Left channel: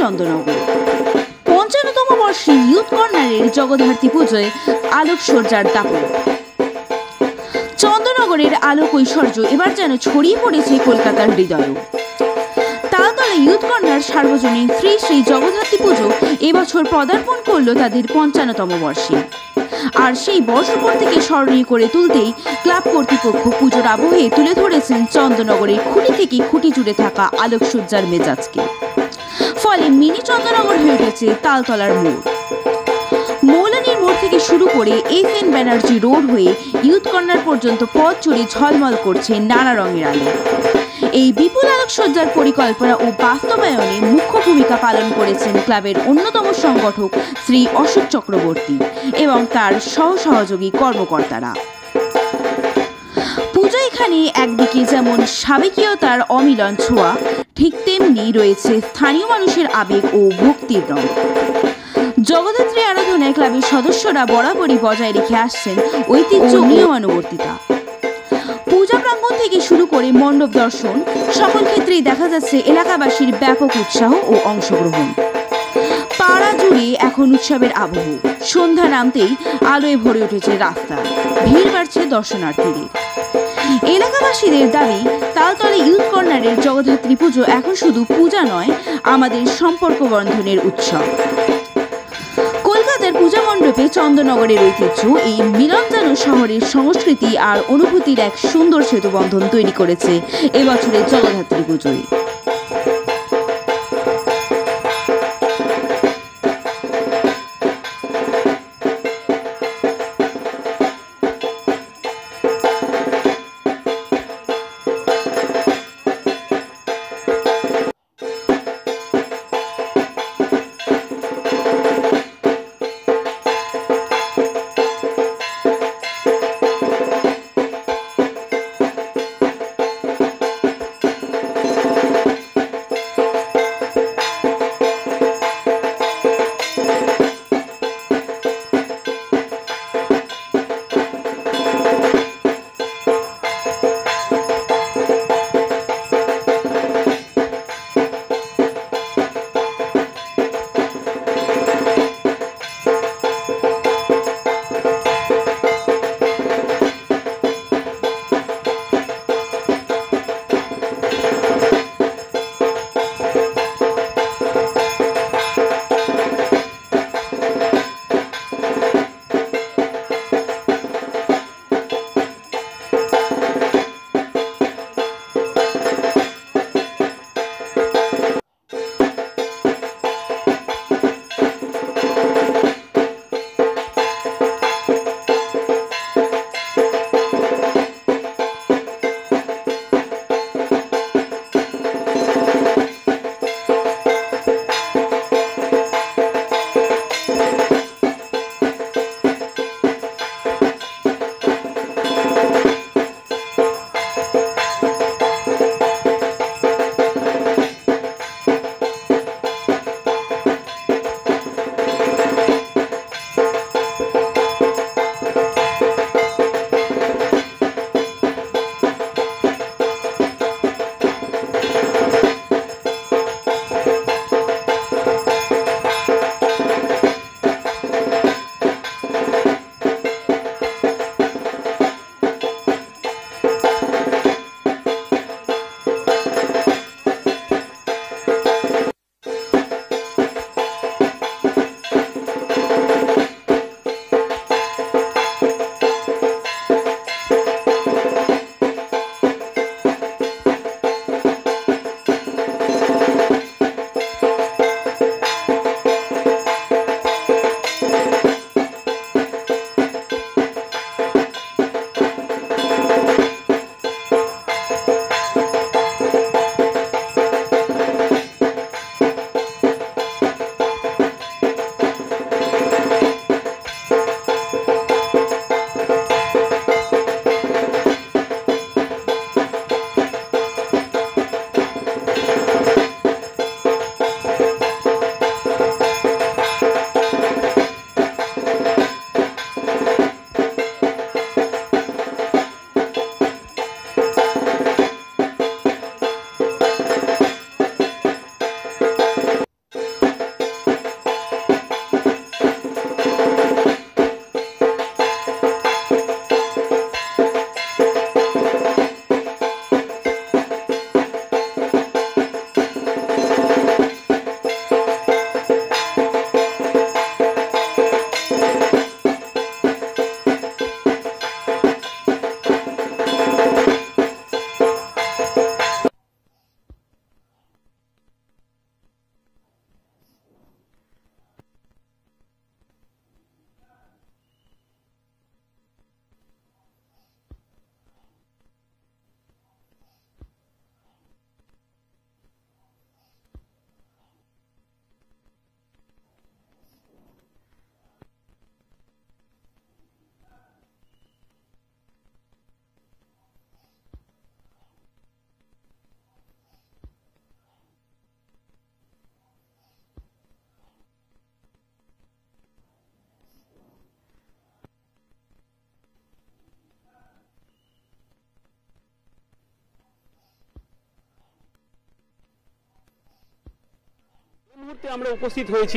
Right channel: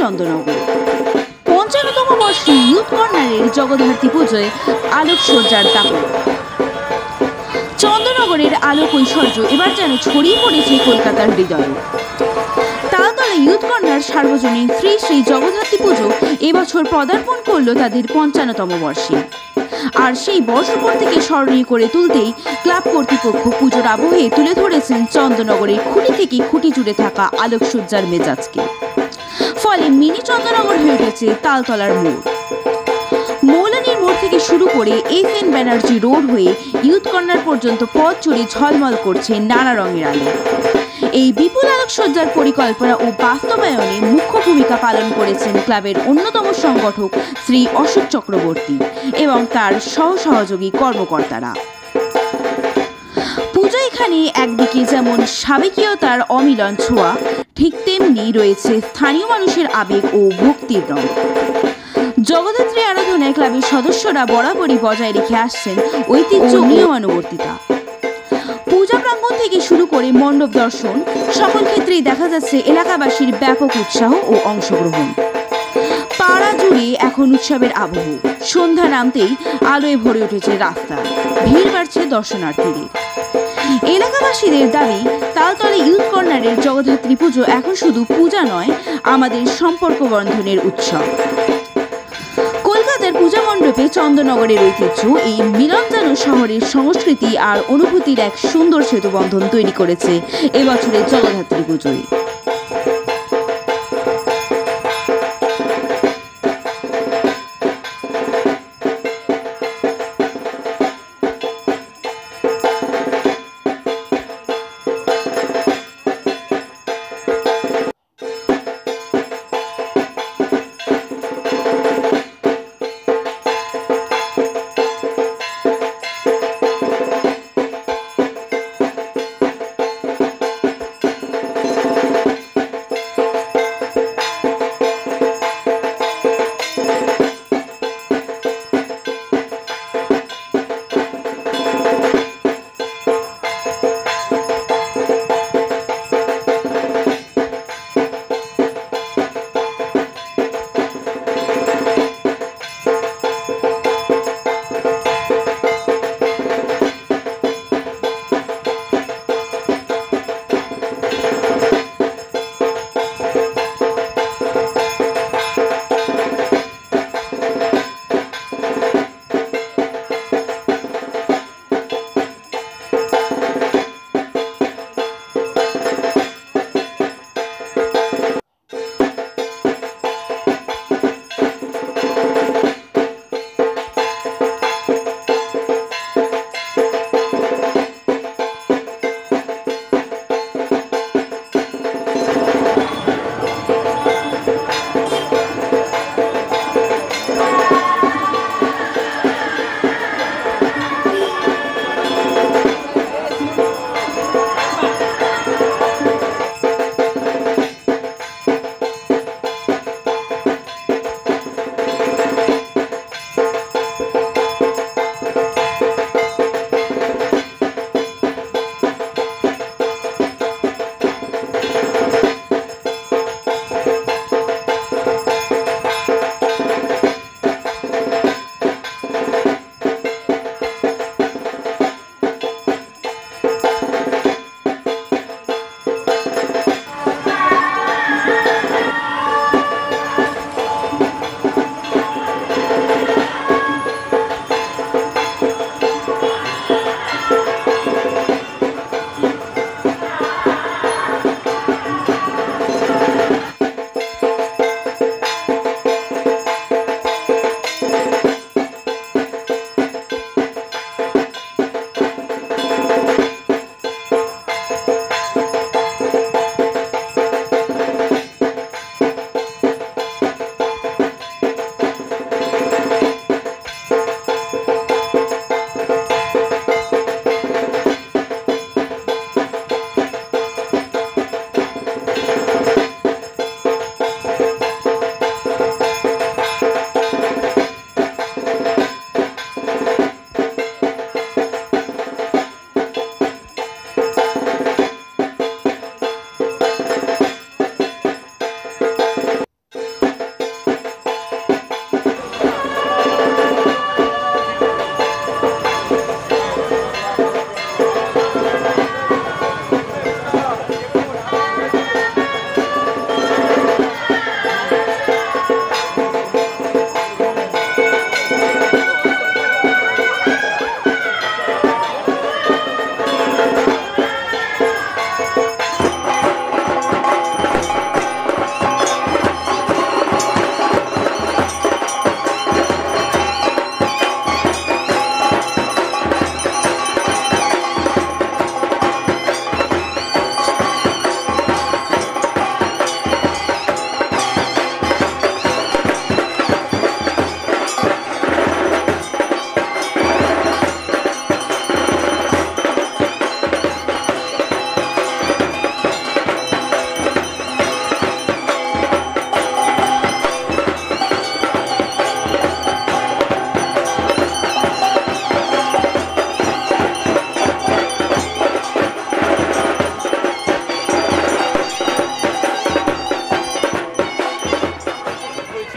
চন্দননগর। ৫৫তম বর্ষে ইউথ কর্নারের জগদ্ধাত্রী পুজোয় আলোকসজ্জার দাপট। চন্দননগরের আলোক ঐশ্বর্য এবার যেন ছড়িয়ে পড়েছে কলকাতার হৃদয়ে। তালতলা ইউথ কর্নার সার্বজনীন শ্রী শ্রী জগদ্ধাত্রী পুজো এবছর পদার্পণ করলো তাদের ৫৫তম বর্ষে। আর সেই বর্ষপূর্তিকে স্মরণীয় করে তুলতেই ক্লাব কর্তৃপক্ষ পুজোর আবহে তুলে ধরেছেন চন্দননগরের খুঁটি থেকে খুঁটি জুড়ে থাকা আলোকসজ্জার মেজাজকে। ফলে মিনি চন্দননগর হয়ে উঠেছে তালতলার মোড়। মৌলানির মোড় থেকে শুরু করে এস.এন. ব্যানার্জি রোড হয়ে ইউথ কর্নার পর্যন্ত পথ জুড়ে ঝলমল করছে নানা রঙের আলো। এই বিপুল আলোকসজ্জার পরিকল্পনা ও বাস্তবায়নে মুখ্য ভূমিকা পালন করেছেন ক্লাবের অন্যতম সংগঠক শ্রী অশোক চক্রবর্তী এবং তার সহসহযোগী কর্মকর্তারা। পুজো এখানে একদিকে যেমন সাবেকীয়তার অমিলন ছোঁয়া, ঠিক তেমনি রয়েছে স্থানীয় মানুষের আবেগ ও ভক্তির রং। জগদ্ধাত্রী আরাধনায় ক্লাবের সদস্যরা বরাবরই বজায় রেখে আসছেন ঐতিহ্য ও নিয়মানুবর্তিতা। পূজা প্রাঙ্গণ থেকে শুরু করে মণ্ডপ দর্শন, সকল ক্ষেত্রেই দেখা যাচ্ছে এলাকাবাসীর ব্যাপক উৎসাহ ও অংশগ্রহণ। পাড়া জুড়ে এখন উৎসবের আবহ। সন্ধ্যা নামতেই আলোয় ভরে উঠেছে রাস্তা, ভিড় বাড়ছে দর্শনার্থীদের। এলাকাবাসীদের দাবি, তালতলা ইউথ কর্নারের জগদ্ধাত্রী পুজো এখন শুধু পূজা নয়, আমাদের সম্পর্ক বন্ধনের উৎসব। কলকাতার পূজা মণ্ডপে চন্দননগরের ঐতিহ্য এই মিলন যেন শহরের সংস্কৃতি আর অনুভূতির এক সুন্দর সেতুবন্ধন তৈরি করেছে এবছরের জগদ্ধাত্রী পুজোয়।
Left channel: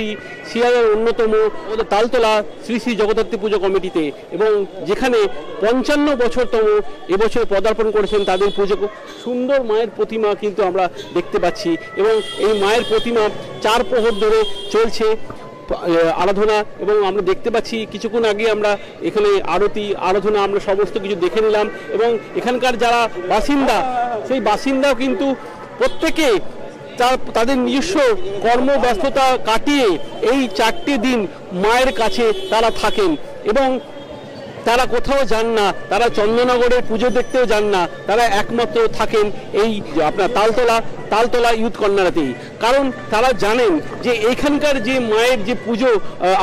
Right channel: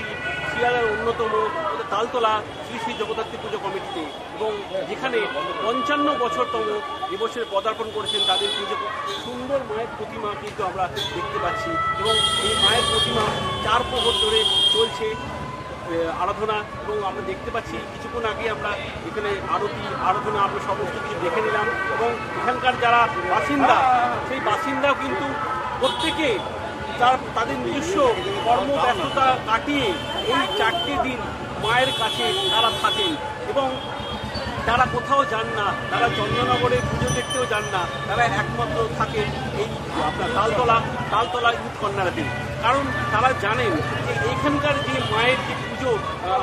রয়েছি শিয়ালদার অন্যতম তালতলা শ্রী শ্রী জগদ্ধাত্রী পুজো কমিটিতে, এবং যেখানে 55 বছরতম এবছর পদার্পণ করেছেন তাদের পুজো। সুন্দর মায়ের প্রতিমা কিন্তু আমরা দেখতে পাচ্ছি, এবং এই মায়ের প্রতিমা 4 প্রহর ধরে চলছে আরাধনা, এবং আমরা দেখতে পাচ্ছি কিছুক্ষণ আগে আমরা এখানে আরতি আরাধনা আমরা সমস্ত কিছু দেখে নিলাম। এবং এখানকার যারা বাসিন্দা, সেই বাসিন্দাও কিন্তু প্রত্যেকে তাদের নিজস্ব কর্মব্যস্ততা কাটিয়ে এই 4টি দিন মায়ের কাছে তারা থাকেন, এবং তারা কোথাও যান না, তারা চন্দননগরে পুজো দেখতেও যান না, তারা একমাত্র থাকেন এই আপনার তালতলা ইউথ কর্নারেতেই। কারণ তারা জানেন যে এইখানকার যে মায়ের যে পুজো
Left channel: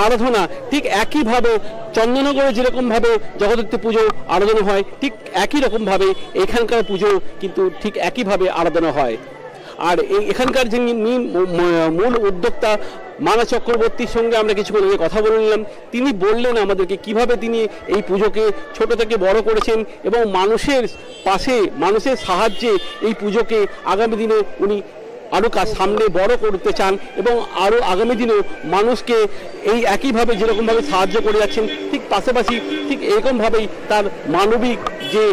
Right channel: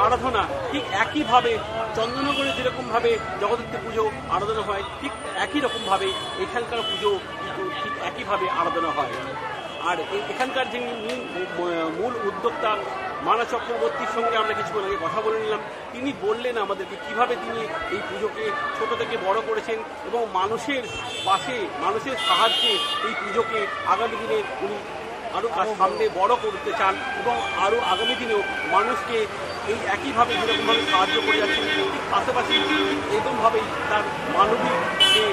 আরাধনা ঠিক একইভাবে চন্দননগরে যেরকমভাবে জগদ্ধাত্রী পুজো আরাধনা হয়, ঠিক একই রকমভাবে এখানকার পুজো কিন্তু ঠিক একইভাবে আরাধনা হয়। আর এখানকার যিনি মূল উদ্যোক্তা মানা চক্রবর্তীর সঙ্গে আমরা কিছুক্ষণ আগে কথা বলে নিলাম। তিনি বললেন আমাদেরকে কিভাবে তিনি এই পুজোকে ছোট থেকে বড় করেছেন, এবং মানুষের পাশে মানুষের সাহায্যে এই পুজোকে আগামী দিনে উনি আরও সামনে বড় করতে চান, এবং আরও আগামী দিনেও মানুষকে এই একইভাবে যেরকমভাবে সাহায্য করে যাচ্ছেন, ঠিক পাশাপাশি ঠিক এরকমভাবেই তার মানবিক যে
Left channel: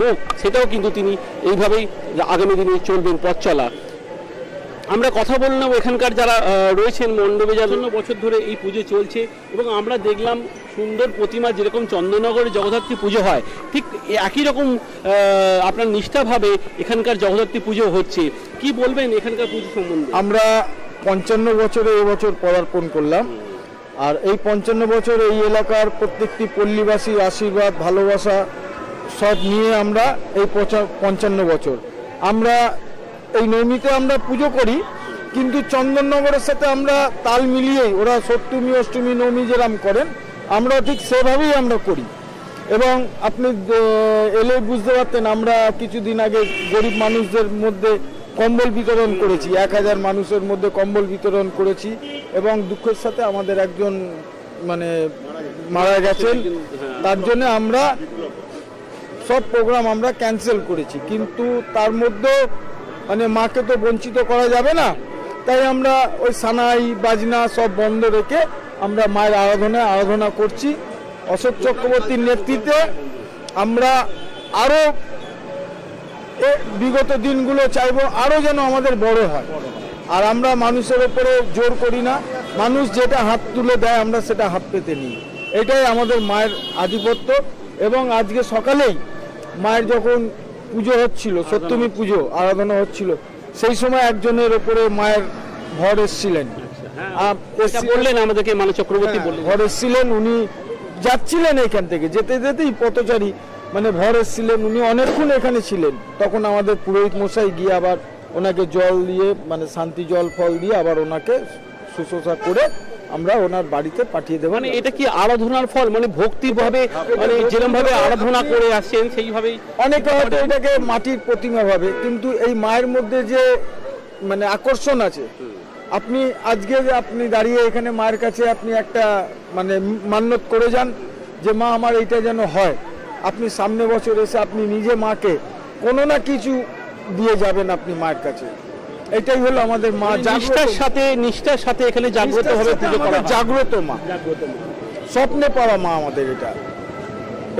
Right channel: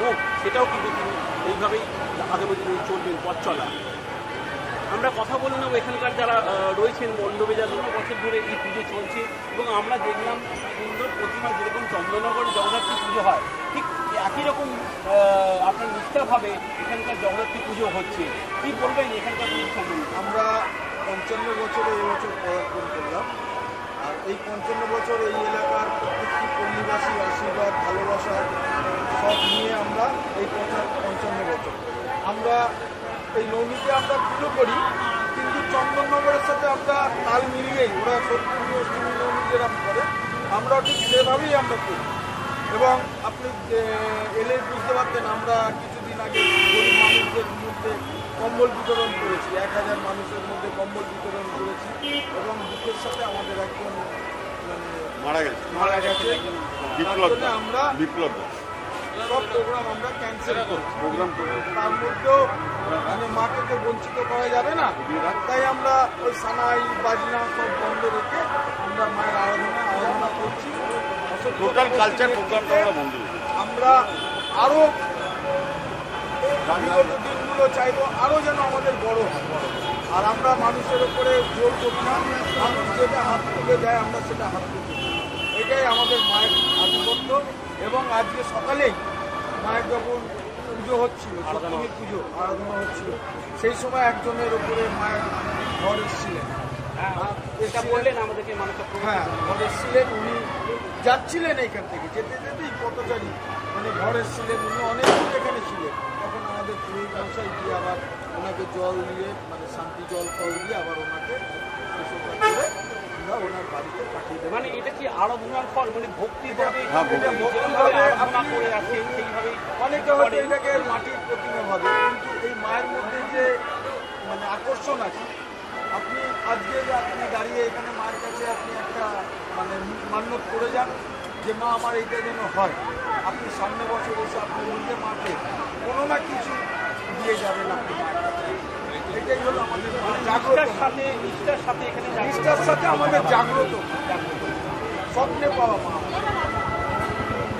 মুখ সেটাও কিন্তু তিনি এইভাবেই আগামী দিনে চলবেন পথ চলা। আমরা কথা বললাম এখানকার যারা রয়েছেন মণ্ডপে, যার জন্য বছর ধরে এই পুজো চলছে, এবং আমরা দেখলাম সুন্দর প্রতিমা যেরকম চন্দননগরে জগদ্ধাত্রী পুজো হয় ঠিক একই রকম আপনার নিষ্ঠাভাবে এখানকার জগদ্ধাত্রী পুজো হচ্ছে। কি বলবেন এখানকার পুজো সম্বন্ধে? আমরা 55 বছরে এবছর পদার্পণ করলাম, আর এই 55 বছর এই এলাকার প্রত্যেকটি পল্লীবাসীর আশীর্বাদ ভালোবাসা সব নিয়ে আমরা এই 55 বছর আমরা এই নবমীতে আমরা পুজো করি, কিন্তু চন্দননগরের সাথে আমরা তাল মিলিয়েই, ওরা সপ্তমী অষ্টমী নবমী যেরকম করেন আমরা ঠিক সেভাবেই আমরা করি। এবং আপনি এলে বুঝতে পারতেন, আমরা কিছুদিন আগে গরিব মানুষদের মধ্যে কম্বল বিতরণ করেছি, 1000 মানুষের মধ্যে কম্বল বিতরণ করেছি, এবং দুঃখের সাথে আমাদের একজন মানে মারা গেছেন, তার জন্য আমরা সব প্রোগ্রাম আমরা ক্যান্সেল করেছি। কিন্তু তার মধ্যেও মানে মাকে তো বঞ্চিত করা যাবে না, তাই আমরা ওই সানাই বাজনা সব বন্ধ রেখে আমরা মায়ের আরাধনা করছি। অশোক চক্রবর্তীর নেতৃত্বে আমরা আরও বিগত দিনগুলো চাইবো আরও যেন আমাদের বড় হয়, আর আমরা মানুষের উপরে জোর করি না, মানুষ যেটা হাত তুলে দেয় আমরা সেটা হাত পেতে নিই, এটাই আমাদের মায়ের আধিপত্য। এবং আজকে সকালেই মায়ের যখন পুজো হচ্ছিল, সপ্তমী পুজো আরাধনা হচ্ছিল, সেই সময় একজনের ওপরে মায়ের ভর এসছিলেন, বললেন আমাদেরকে মানা চক্রবর্তী ভর এসছিলেন, উনি যাচ্ছিলেন এখান থেকে, যেতে যেতেই পথচারী মানে ভর এসছিলেন, উনি অনেকক্ষণ এখানে ছিলেন। তখন আমাদের পুরোহিত মশাই গিয়ে আবার ওনাকে জল দিয়ে মানে শান্তি জল ফল দিয়ে আবার ওনাকে শুশ্রূষা করে আমরা ওনার বাড়িতে পাঠিয়ে দেবো। মানে এটা কি আরাধনার ফল, মানে ভক্তিভাবে মানে যেরকম ভাবে আরাধনা করে আসছেন সেইভাবেই? অনেকে হয়তো এটাকে মাটির প্রতিমা ভাবে, কিন্তু এই মায়ের মধ্যে যে মানে আকর্ষণ আছে, আপনি আজকে যে আপনি দাঁড়িয়ে এখানে মায়ের কাছে আপনি একটা মানে মান্যত করে যান যে মা আমার এইটা যেন হয়, আপনি সামনে বছর এসে আপনি নিজে মাকে কোনো না কিছু দিয়ে যাবেন আপনি মায়ের কাছে। এটাই হলো আমাদের মা, নিষ্ঠার সাথে এখানে জাগ্রত হবে, জাগ্রত মা, স্বপ্নে পাওয়া মা আমাদের,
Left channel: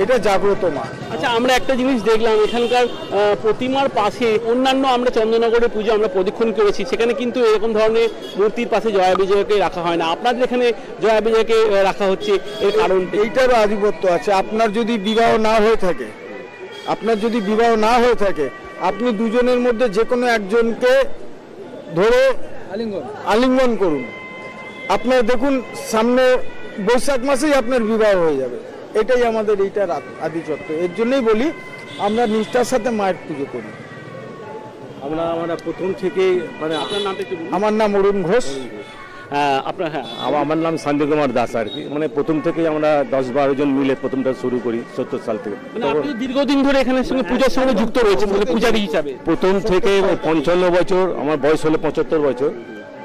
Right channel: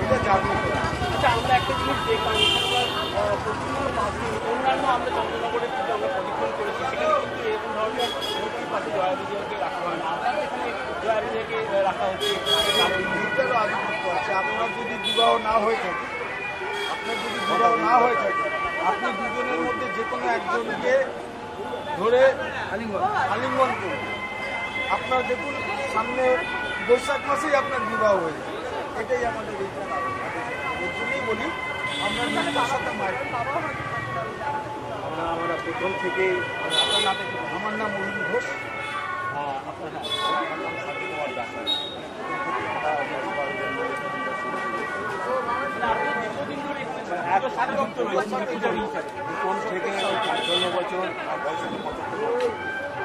এটা জাগ্রত মা। আচ্ছা, আমরা একটা জিনিস দেখলাম এখানকার প্রতিমার পাশে অন্যান্য আমরা চন্দননগরের পুজো আমরা প্রদক্ষিণ করেছি, সেখানে কিন্তু এরকম ধরনের মূর্তির পাশে জয়া বিজয়কে রাখা হয় না, আপনাদের এখানে জয়া বিজয়কে রাখা হচ্ছে। এই কারণ এইটারও আধিপত্য আছে। আপনার যদি বিবাহ না হয়ে থাকে, আপনি দুজনের মধ্যে যে কোনো একজনকে ধরে আলিঙ্গন করুন, আপনার দেখুন সামনে বৈশাখ মাসেই আপনার বিবাহ হয়ে যাবে। এটাই আমাদের এইটার আধিপত্য। এর জন্যই বলি আমরা নিষ্ঠার সাথে মায়ের পুজো করি। আমরা প্রথম থেকে মানে আমার নাম অরুণ ঘোষ। আপনার? হ্যাঁ, আমার নাম শান্তি কুমার দাস আর কি। মানে প্রথম থেকেই আমরা 10-12 জন মিলে প্রথমটা শুরু করি 70 সাল থেকে। মানে আপনি দীর্ঘদিন ধরে এখানে সঙ্গে পূজার সঙ্গে যুক্ত রয়েছেন, মানে পূজারী হিসাবে? প্রথম থেকে 55 বছর, আমার বয়স হলো 75 বছর।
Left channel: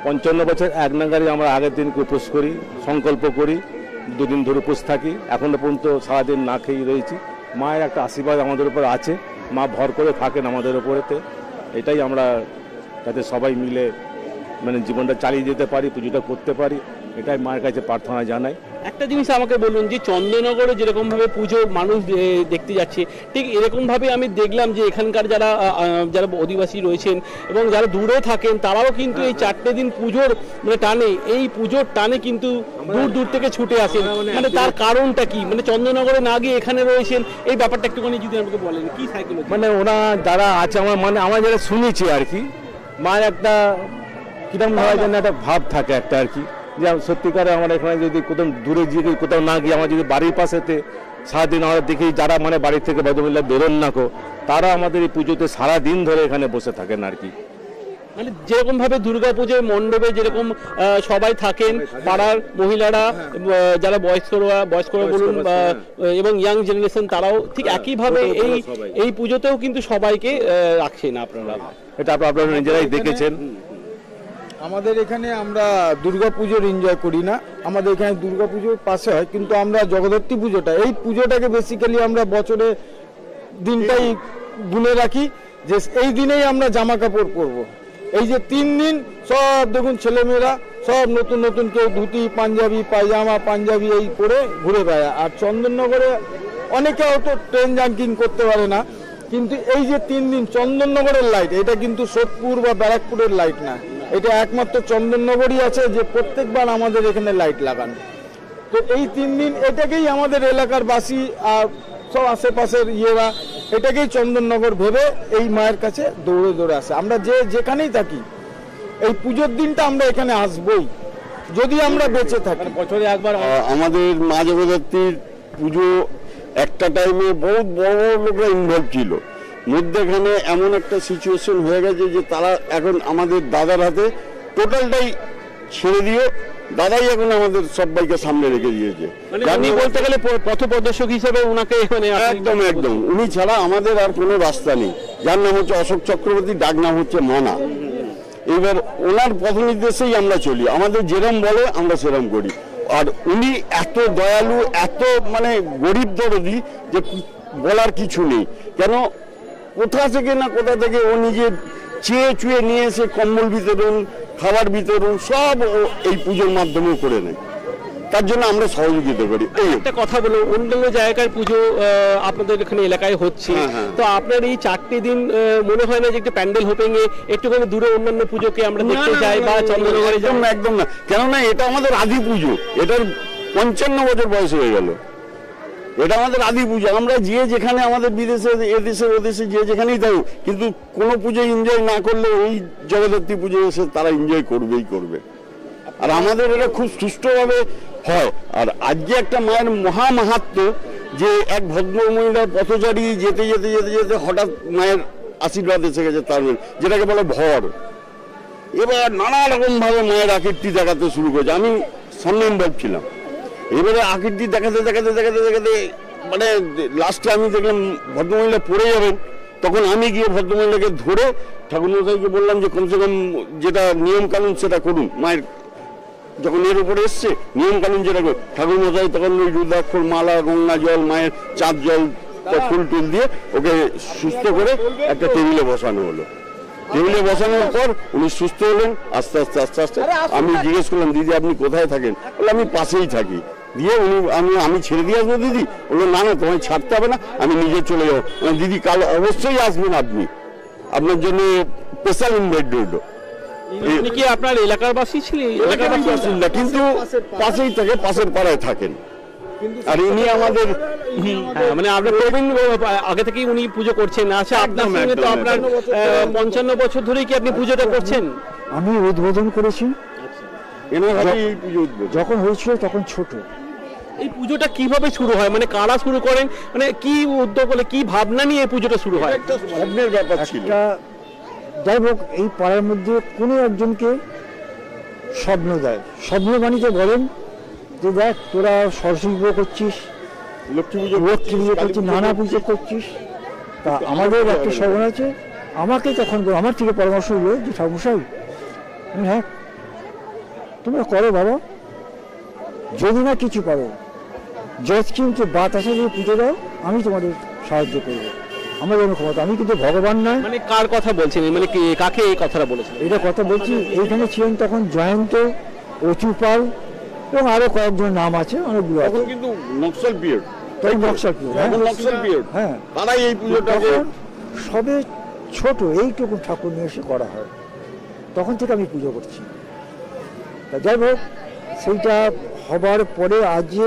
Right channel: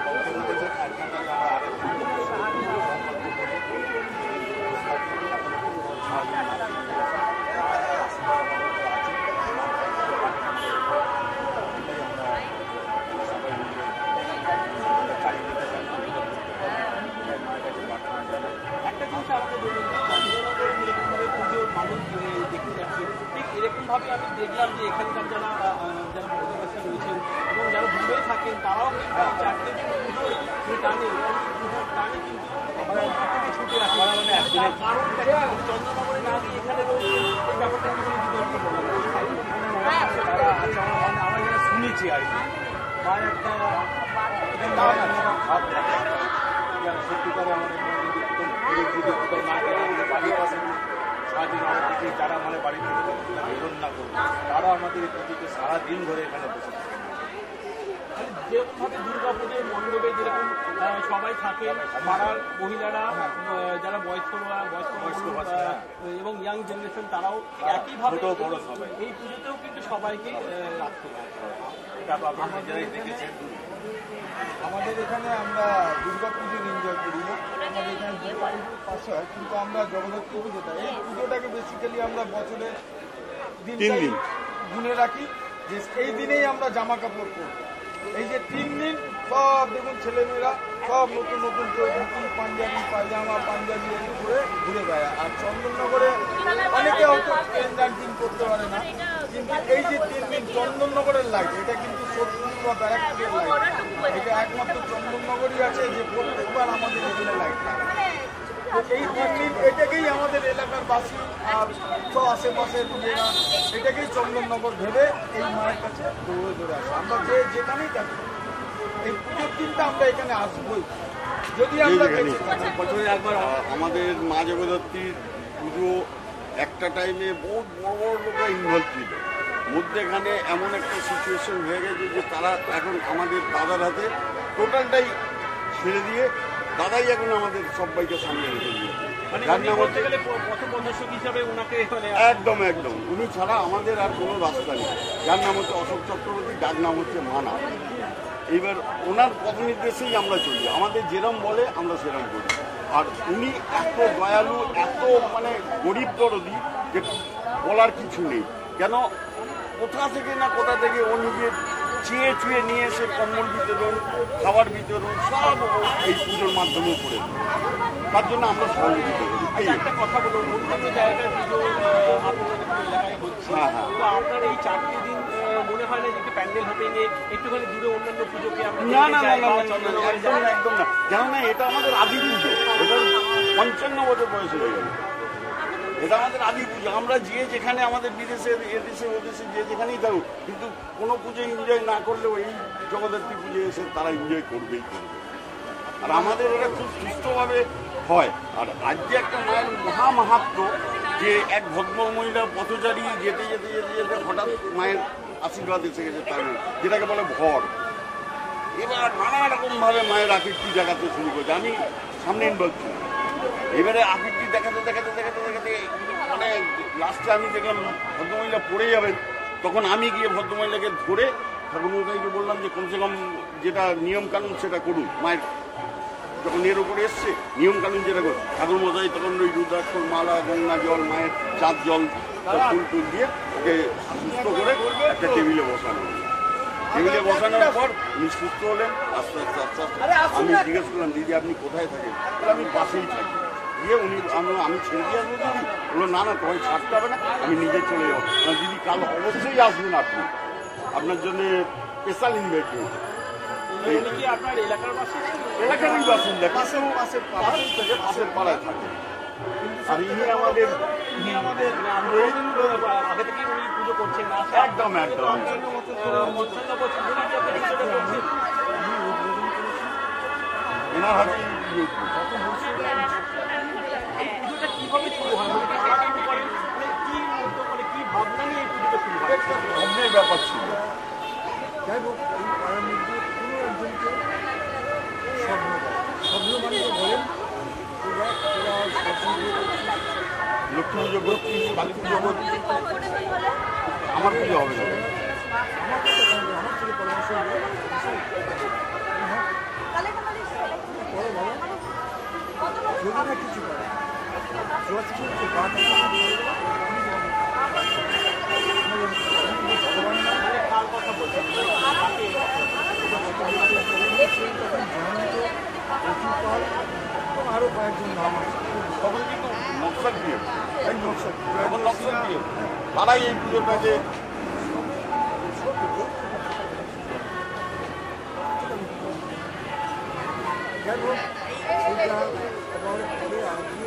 55 বছর এক নাগারে আমরা আগের দিন উপোস করি, সংকল্প করি, 2 দিন ধরে উপোস থাকি। এখনো পর্যন্ত সারাদিন না খেয়ে রয়েছি। মায়ের একটা আশীর্বাদ আমাদের উপর আছে, মা ভর করে থাকেন আমাদের উপরেতে। এটাই আমরা যাতে সবাই মিলে মানে জীবনটা চালিয়ে যেতে পারি, পুজোটা করতে পারি, এটাই মায়ের কাছে প্রার্থনা জানাই। একটা জিনিস আমাকে বলুন যে চন্দননগরে যেরকম ভাবে পুজো মানুষ দেখতে যাচ্ছে, ঠিক এরকম ভাবে আমি দেখলাম যে এখানকার যারা অধিবাসী রয়েছেন এবং যারা দূরে থাকেন তারাও কিন্তু এই 4টে দিন পুজোর মানে টানে, এই পুজোর টানে কিন্তু দূর দূর থেকে ছুটে আসেন। মানে তার কারণটা কি, মানে চন্দননগরে না গিয়ে এখানে রয়েছেন, এই ব্যাপারটা একটুখানি যদি আমাকে বলেন কি সাইকেল। মানে ওরা যারা আছে আমার যারা শুনেছি আর কি, মায়ের একটা কিরকম ধরার জন্য একটা ভাব থাকে একটা আর কি, যে সত্যিকারে আমার এখানে যদি কোথাও দূরে গিয়ে কোথাও না গিয়ে আমার যদি বাড়ির পাশেতে সারাদিন আমরা দেখি যারা মানে বাড়ির থেকে ভদ্রমহিলা বেরোন না কো, তারা আমাদের এই পুজোতে সারাদিন ধরে এখানে বসে থাকেন আর কি। মানে যেরকম ভাবে দুর্গাপুজোর মণ্ডপে যেরকম সবাই থাকেন, পাড়ার মহিলারা, যারা বয়স্করা বলুন এবং ইয়াং জেনারেশন, তারাও ঠিক একইভাবে এই পুজোতেও কিন্তু সবাইকে রাখছেন আপনারা। এটা আপনারা নিজেরাই দেখেছেন। আমাদের এখানে আমরা দুর্গাপুজোর এনজয় করি না, আমাদের এখানে দুর্গাপুজোর পাশে হয়, কিন্তু আমরা জগদ্ধাত্রী পুজোটা, এই পুজোটাকে বেসিক্যালি আমরা বছরে দিনটাই গুনে রাখি যে এই দিনেই আমরা জামা কাপড় পরবো। এই যে 3 দিন সব দেখুন ছেলেমেয়েরা সব নতুন নতুন, কেউ ধুতি পাঞ্জাবি পায়জামা পাঞ্জাবি এই করে ঘুরে বেড়ায়। আর চন্দননগরে অনেকে হয়তো ট্রেন জাম্পিং করতে পারে না, কিন্তু এই যে 3 দিন চন্দননগরের লাইট, এটা কিন্তু সোদপুর বা ব্যারাকপুরের লাইট না, এটা একমাত্র চন্দননগরই আছে যে প্রত্যেকবার আমাদের এখানে লাইট লাগানো। তো এই 3 দিন এটাকেই আমাদের এলাকার বাসী আর সব আশেপাশের ইয়েরা এটাকেই চন্দননগর ভেবে এই মায়ের কাছে দৌড়ে দৌড়ে আসে। আমরা যেখানেই থাকি এই পুজোর দিনটা আমরা এখানে আসবই, যদি আমরা বেঁচে থাকি। বছরে একবার আমাদের মা জগদ্ধাত্রীর পুজো একটা টাইমে বহুত বড় বড় লোকরা ইনভলভ ছিল, মধ্যেখানে এমন একটা সিচুয়েশন হয়ে গেছে যে তারা এখন আমাদের দাদার হাতে টোটালটাই ছেড়ে দিয়ে দাদাই এখন আমাদের সবাইকে সামনে রেখে দিয়েছে। মানে বলতে গেলে পথপ্রদর্শক হিসেবে ওনাকে মানে একদম একদম উনি ছাড়া আমাদের আর কোনো রাস্তা নেই। যার নাম হচ্ছে অশোক চক্রবর্তী, ডাক নাম হচ্ছে মানা। এবার ওনার পথ নির্দেশেই আমরা চলি, আমাদের যেরম বলে আমরা সেরম করি। আর উনি এত দয়ালু, এত মানে গরিব দরদি যে বলার কিছু নেই। কেন কোথা থেকে না কোথা থেকে ও নিজে চেয়ে চুয়ে নিয়ে এসে কম্বল বিতরণ, খাবার বিতরণ সব এই পুজোর মাধ্যমে করে নেয়। তার জন্য আমরা সহযোগিতা করি। এই একটা কথা বলো, অন্যান্য জায়গায় পুজো আপনাদের এখানে এলাকায় হচ্ছে, তো আপনার এই 4টে দিন মনে হয় না যে একটু প্যান্ডেল হোপিং এ একটুখানি দূরে অন্যান্য পুজোকে আমরা দেখতে যাই বা চন্দননগরে যাই? একদম না, কেননা এটা আমাদের আদি পুজো, এটার 55 বছর বয়স হয়ে গেল, এটা আমাদের আদি পুজো। আমরা যে যেখানে আমাদের বিদেশে এদেশে ওদেশে যে যেখানেই থাকি, কিন্তু কোনো পুজো এনজয় না করলে এই জগদ্ধাত্রী পুজো এসে তারা এনজয় করবেই করবে। আর আমাদের এটা খুব সুষ্ঠুভাবে হয়। আর আজকে একটা মায়ের মহামাহাত্ম্য যে এক ভদ্র মহিলার পথচারী যেতে যেতে যেতে যেতে হঠাৎ মায়ের আশীর্বাদ এসে গেছে, তার যেটাকে বলে ভর। এবার নানা রকম ভাবে মায়ের আকৃতি দেখাতে শুরু করেছে, আমি সামনে ইনভলভ ছিলাম। এবারে আকৃতি দেখাতে দেখাতে দেখাতে দেখাতে মানে লাস্টে আমি দেখলাম ভদ্রমহিলা পড়ে যাবেন, তখন আমি গিয়ে ভদ্রমহিলাকে ধরে ঠাকুরমশাইকে বললাম যে কমসে কম যেটা নিয়ম কানুন সেটা করুন। মায়ের যখন এর উপরে এসছে নিয়ম কানুন যেটা ঠাকুরমশাই তখন ওই রুদ্রাক্ষর মালা, গঙ্গা জল, মায়ের চাঁদ জল, ফুল টুল দিয়ে ওকে সুস্থ করে একটা টেবিলে বসানো হলো। টেবিলে বসানোর পর উনি সুস্থ হলেন আস্তে আস্তে আস্তে আস্তে। আমি জিজ্ঞেস করলাম, দিদি আপনি কোথায় থাকেন? বলে আমি পাশেই থাকি। দিয়ে উনি আমি ছেড়ে দিয়ে আসবো দিদি? বললো না না, তোমায় ছাড়তে হবে না, আমি নিজে চলে যাবো। দিদি কাল অবশ্যই আসবেন, আপনি আপনার জন্য স্পেশাল ইনভাইট দেবো। উনি কি আপনার এলাকার বাসী ছিলেন? এলাকার বাসিন্দা, কিন্তু পাশেই থাকে, পাশের পাড়ায় থাকেন। আর ইনি আমাদের মানে আপনার প্রবীণ আগে থেকেই উনি পুজো করছেন। আচ্ছা, আপনার সঙ্গে তো আপনার 55 বছর ধরেই কি আপনি পুজোটা করছেন? আমি উদ্বোধন করেছি, এনার হাতে এই পুজো উদ্বোধন। যখন হয়েছিল তখন ছোট। এই পুজোটা কিভাবে শুরু হয়, মানে কারা শুরু করেন, মানে কি উদ্যোগ হলে কি ভাবনা নিয়ে এই পুজোটা শুরু হয়? স্বপ্নের ব্যাপার ছিল। যাই হোক, এই পাড়ার মধ্যে কোনো একজনকে স্বপ্ন দেয়, স্বপ্ন মানিকে বলেন তো দেখ তোরা সরস্বতী পুজো করছিস, লক্ষ্মী পুজো করছিস, নানা পুজো করছিস, তা আমাদের একটা স্বপ্ন আছে। আমাকে তখন আমার থেকে পরামর্শ হলো যে ঠাকুরমশাই হ্যাঁ তোমরা করো বাবা, যদি না কিছু করে জজ কিন্তু বাত আসে পুজো দাও, আমি তোমাদের সাহায্য করবো। আমার কোনো ক্ষমতা, আমি কিন্তু ভগবান নয়। মানে কার কথা বলছেন, মানে কাকে এই কথাটা বলেছেন? এটা কথা বলছি, এইখানে ছিলেন তখন জয়ন্ত, অচু পাল এবং আরও কয়েকজন নাম আছে, আমার এখন কিন্তু নকশাল পিরিয়ড, ওই নকশাল পিরিয়ড। এখন নকশাল পিরিয়ড, হ্যাঁ, তারাই এই পুজোটাকে সবে ছোট এইটুকু ঠাকুর নিয়ে এসে করা হয়, তখন থেকে আমি পুজো করছি। তা যাই হোক, সেইটা হবার পরে আজকে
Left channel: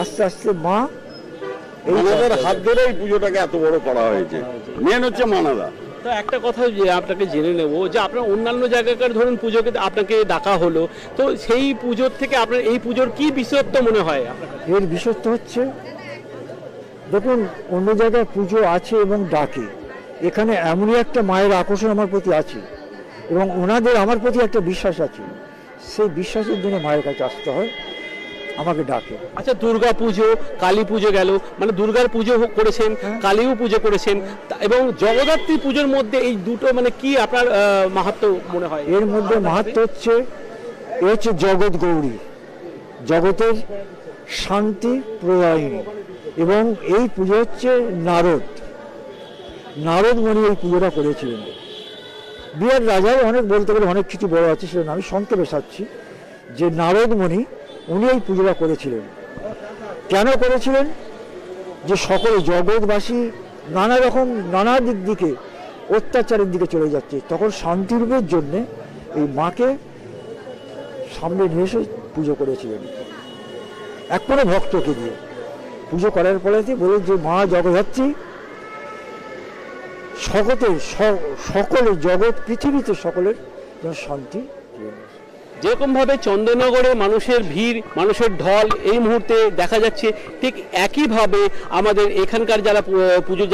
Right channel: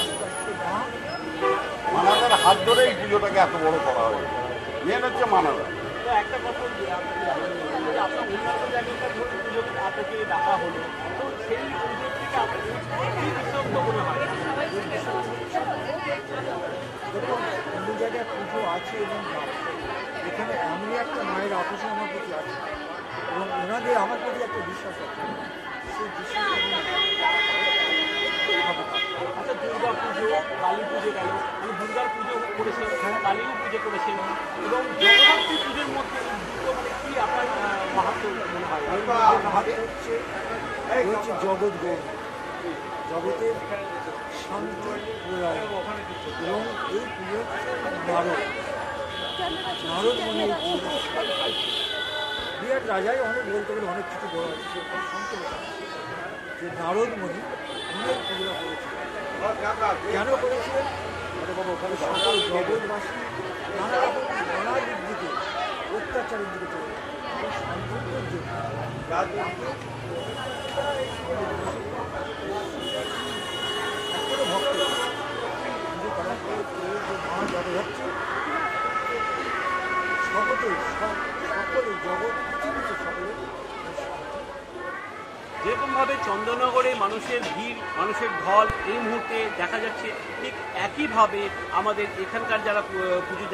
আস্তে আস্তে মা আমাদের হাত ধরে এই পুজোটাকে এত বড় করা হয়েছে। মেন হচ্ছে মানবতা। তো একটা কথা যে আপনাকে জেনে নেব, যে আপনার অন্যান্য জায়গাকার ধরুন পুজোকে আপনাকে ডাকা হলো, তো সেই পুজোর থেকে আপনার এই পুজোর কি বিশেষত্ব মনে হয়? এর বিশেষত্ব হচ্ছে, দেখুন অন্য জায়গায় পুজো আছে এবং ডাকে, এখানে এমনই একটা মায়ের আকর্ষণ আমার প্রতি আছে এবং ওনাদের আমার প্রতি একটা বিশ্বাস আছে, সেই বিশ্বাসের জন্য মায়ের কাছে আসতে হয়, আমাকে ডাকে। আচ্ছা, দুর্গা পুজো, কালী পুজো গেল, মানে দুর্গার পুজো করেছেন, কালীও পুজো করেছেন, এবং জগদ্ধাত্রী পুজোর মধ্যে এই দুটো মানে কি আপনার মাহাত্ম্য মনে হয়? এর মধ্যে মাহাত্ম্য হচ্ছে, এ হচ্ছে জগৎ গৌরী, জগতের শান্তি প্রয়ায়িনী, এবং এই পুজো হচ্ছে নারদ মনে এই পুজোটা করেছিলেন। বিহার রাজার অনেক বলতে গেলে অনেক কিছু বড় আছে, সেটা আমি সংক্ষেপে সারছি, যে নারদমণি উনি এই পুজোটা করেছিলেন। কেন করেছিলেন? যে সকল জগৎবাসী নানা দিক দিকে অত্যাচারের দিকে চলে যাচ্ছে, তখন শান্তিরূপের জন্য এই মাকে সামনে নিয়ে এসে পুজো করেছিলেন এক কোনো ভক্তকে দিয়ে। পুজো করার পরে বলে যে মা জগদ্ধাত্রী সকলে জগৎ পৃথিবীতে সকলের শান্তি। যেরকম ভাবে চন্দননগরে মানুষের ভিড়, মানুষের ঢল এই মুহূর্তে দেখা যাচ্ছে, ঠিক একইভাবে আমাদের এখানকার যারা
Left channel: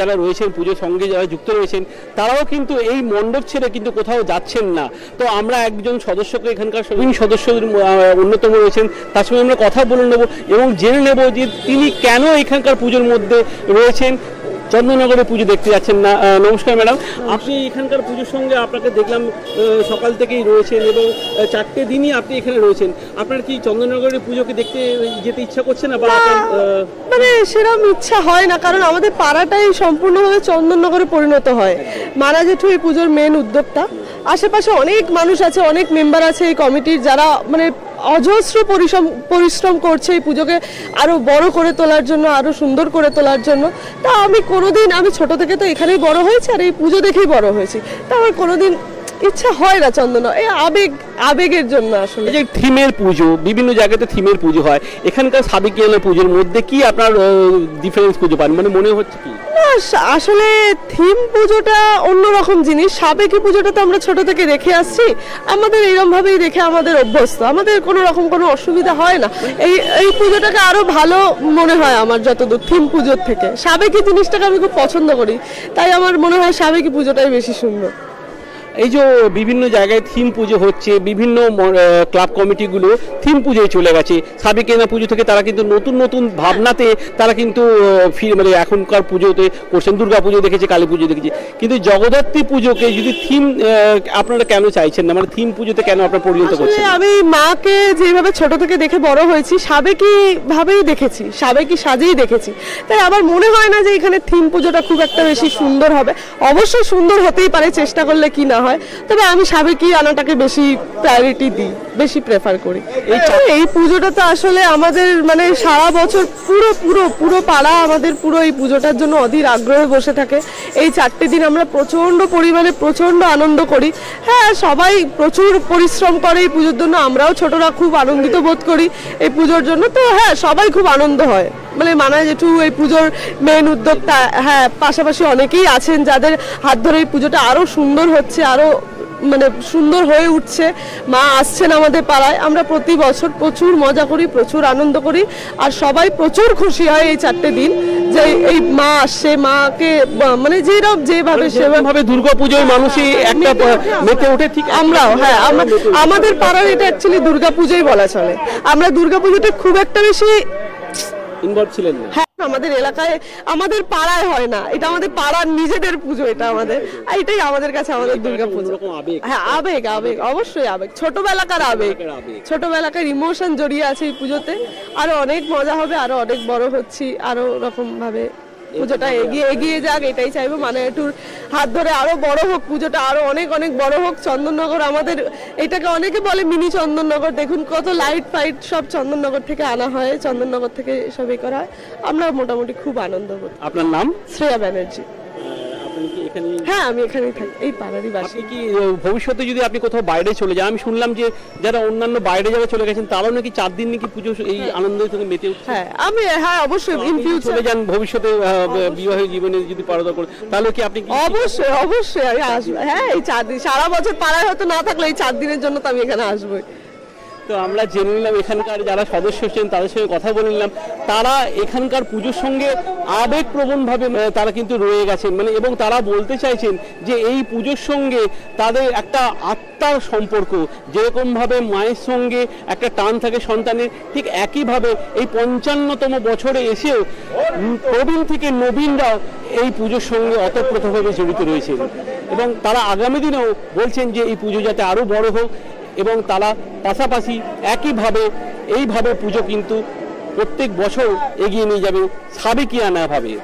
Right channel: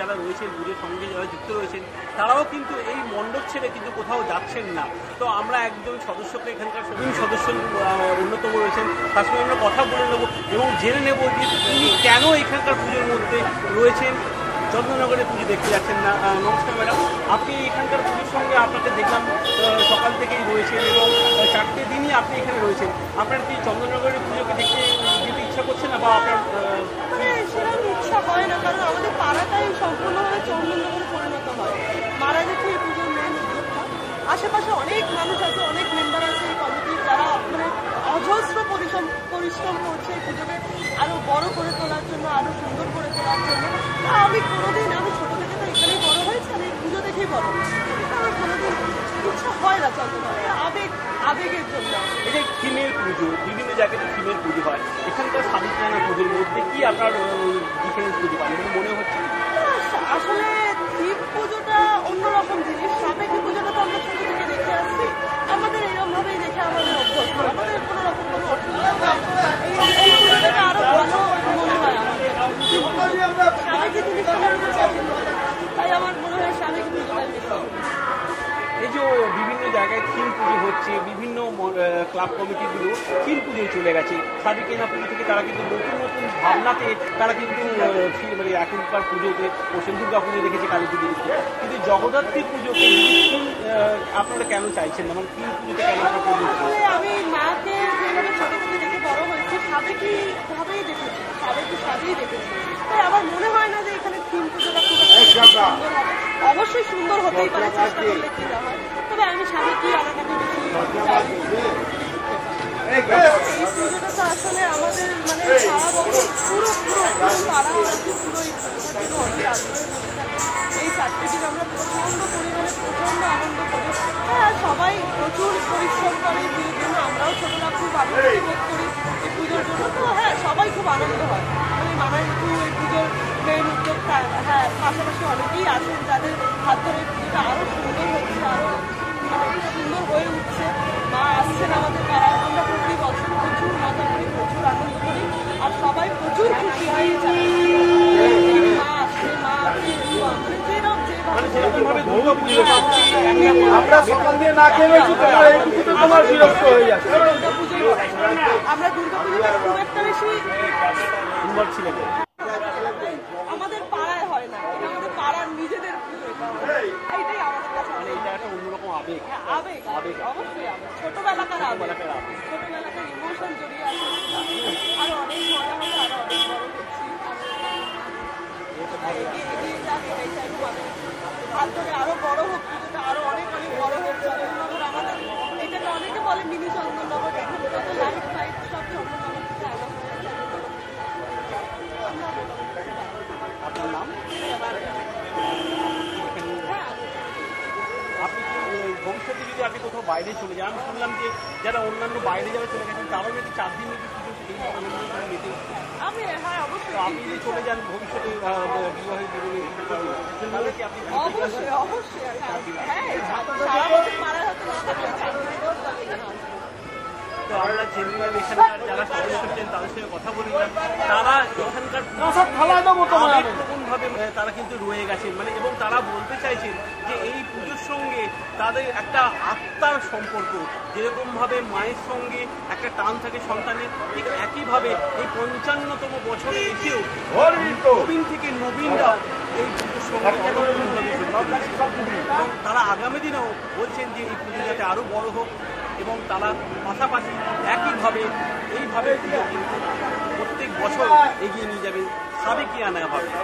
যারা রয়েছেন, পুজোর সঙ্গে যারা যুক্ত রয়েছেন, তারাও কিন্তু এই মণ্ডপ ছেড়ে কিন্তু কোথাও যাচ্ছেন না। তো আমরা একজন সদস্যকে, এখানকার সদস্য অন্যতম রয়েছেন, তার সঙ্গে আমরা কথা বলে নেব এবং জেনে নেব যে তিনি কেন এখানকার পুজোর মধ্যে রয়েছেন, চন্দননগরে পুজো দেখতে যাচ্ছেন না। নমস্কার ম্যাডাম, আপনি এখানকার পুজোর সঙ্গে আপনাকে দেখলাম সকাল থেকেই রয়েছেন এবং 4টে দিনই আপনি এখানে রয়েছেন। আপনার কি চন্দননগরের পুজোকে দেখতে যেতে ইচ্ছা করছে না, বা মানে সেরকম ইচ্ছা হয় না, কারণ আমাদের পাড়াটাই সম্পূর্ণভাবে চন্দননগরে পরিণত হয়। মারা জেঠু এই পুজোর মেন উদ্যোক্তা, আশেপাশে অনেক মানুষ আছে, অনেক মেম্বার আছে এই কমিটির, যারা মানে অজস্র পরিশ্রম করছে এই পুজোকে আরো বড় করে তোলার জন্য, আরো সুন্দর করে তোলার জন্য। তা আমি ছোট থেকে তো এখানেই বড় হয়েছি আর এই পুজো দেখেই বড় হয়েছি, তা আমার কোনোদিন ইচ্ছা হয় না চন্দন, এই আবেগের জন্য আসলে। যে থিমের পুজো, বিভিন্ন জায়গাতে থিমের পুজো হয়, এখানকার সাবেকিয়ানা পুজোর মধ্যে কি আপনার ডিফারেন্স খুঁজে পান, মানে মনে হচ্ছে কি? আসলে থিম পুজোটা অন্যরকম জিনিস, সাবেকি পুজোটা তো আমরা ছোট থেকে দেখে আসছি, আমাদের এরকম ভাবেই দেখে আমাদের অভ্যস্ত, আমাদের কোনো রকম কোনো অসুবিধা হয় না। এই পুজোটাকে আরো ভালো মনে হয় আমার যতদূর থিম পুজোর থেকে। সাবেকি জিনিসটাকে আমি খুব পছন্দ করি, তাই আমার মনে হয় সাবেকি পুজোটাই বেশি সুন্দর। এই যে বিভিন্ন জায়গায় থিম পুজো হচ্ছে, বিভিন্ন ক্লাব কমিটিগুলো থিম পুজোয় চলে গেছে, সাবেকিয়ানা পুজো থেকে তারা কিন্তু নতুন নতুন ভাবনাতে তারা কিন্তু মানে এখনকার পুজোতে করছেন। দুর্গা পুজো দেখেছি, কালী পুজো দেখেছি, কিন্তু জগদ্ধাত্রী পুজোকে যদি থিম আপনারা কেন চাইছেন না, মানে থিম পুজোতে কেন আপনারা পরিণত করছেন? আমি মাকে যেভাবে ছোট থেকে দেখে বড় হয়েছি, সাবেকি ভাবেই দেখেছি, সাবেকি সাজেই দেখেছি, তাই আমার মনে হয় না যে এখানে থিম পুজোটা খুব একটা বেশি সুন্দর হবে। অবশ্যই সুন্দর হতেই পারে, চেষ্টা করলে কি না হয়, তবে আমি সাবেকি আনাটাকে বেশি প্রায়োরিটি দিই, বেশি প্রেফার করি। এই পুজোটা তো আসলে আমাদের মানে সারা বছর পুরো পাড়া আমাদের পুরো এই পুজোটার জন্য অধীর আগ্রহে বসে থাকে। এই 4টে দিন আমরা প্রচন্ড পরিমাণে প্রচন্ড আনন্দ করি। হ্যাঁ, সবাই প্রচুর পরিশ্রম করে এই পুজোর জন্য, আমরাও ছোটরা খুব আনন্দিত বোধ করি এই পুজোর জন্য। তো হ্যাঁ, সবাই খুব আনন্দ হয়, মানে মানা জেঠু এই পুজোর মেন উদ্যোক্তা। হ্যাঁ, পাশাপাশি অনেকেই আছেন যাদের হাত ধরে এই পুজোটা আরো সুন্দর হচ্ছে, আরো মানে সুন্দর হয়ে উঠছে। মা আসছেন আমাদের পাড়ায়, আমরা প্রতি বছর প্রচুর মজা করি, প্রচুর আনন্দ করি, আর সবাই প্রচুর খুশি হয় এই 4টে দিন যে এই মা আসছে। মাকে মানে যেভাবে সেভাবে দুর্গাপুজোর মানুষই একটা মেতে ওঠে, ঠিক আমরাও। হ্যাঁ, আমাদের পাড়ার এটা অ্যাকচুয়ালি দুর্গাপুজোই বলা চলে। আমরা দুর্গাপুজোটা খুব একটা বেশি ইনভলভ ছিলেন না। হ্যাঁ, আমাদের এলাকায়, আমাদের পাড়ায় হয় না, এটা আমাদের পাড়ার নিজেদের পুজো, এটা আমাদের, এটাই আমাদের কাছে আমাদের দুর্গাপুজো। হ্যাঁ, আবেগ, অবশ্যই আবেগ, ছোটবেলাকার ইমোশন জড়িয়ে আছে এই পুজোতে। আরো অনেক মজা হবে, আরো অনেক বড় হচ্ছি, আরো রকম ভাবে পুজোটা এগিয়ে এগিয়ে যাক, এটাই চাইবো। মানে একটু হাত ধরে আরো বড় হোক পুজোটা, আরো অনেক অনেক বড় হোক। চন্দননগর আমাদের এটাকে অনেকে বলে মিনি চন্দননগর, দেখুন কত লাইট ফাইট সব চন্দননগর থেকে আনা হয়, চন্দননগর থেকে সবই করা হয়। আমরা মোটামুটি খুব আনন্দ করি। আপনার নাম? শ্রেয়া ব্যানার্জি। আপনি কি এখানে? হ্যাঁ, আমি এখানেই থাকি, এই পাড়ারই বাসী। আপনি কি ভবিষ্যতে যদি আপনি কোথাও বাইরে চলে যান, আমি শুনলাম যে যারা অন্যান্য বাইরে যারা চলে গেছেন তারাও নাকি 4 দিন নাকি পুজো এই আনন্দ করে মেতে উঠছে। হ্যাঁ অবশ্যই ইন ফিউচার চলে যান ভবিষ্যতে বিবাহের জীবনে যদি পারদা করে, তাহলে কি আপনি অবশ্যই অবশ্যই আমি আসবো। হ্যাঁ, এই 4 দিন সারা বছর পাড়ায় হয়তো না থাকলে এই 4 দিনের জন্য তো আমি এখানে আসবো। তো আমরা জেনে নিলাম এখানকার যারা সদস্য ছিলেন তাদের সঙ্গে কথা বলে নিলাম, তারা এখানকার পুজোর সঙ্গে আবেগপ্রবণভাবে তারা কিন্তু রয়ে গেছেন, মানে এবং তারা বলতে চাইছেন যে এই পুজোর সঙ্গে তাদের একটা আত্মার সম্পর্ক, যেরকমভাবে মায়ের সঙ্গে একটা টান থাকে সন্তানের, ঠিক একইভাবে এই 55তম বছরে এসেও প্রবীণ থেকে নবীনরাও এই পুজোর সঙ্গে অতপ্রতভাবে জড়িত রয়েছে এবং তারা আগামী দিনেও বলছেন যে এই পুজো যাতে আরও বড় হোক এবং তারা পাশাপাশি এইভাবে পুজো কিন্তু প্রত্যেক বছর এগিয়ে নিয়ে যাবে সাবেকিয়ানাভাবে।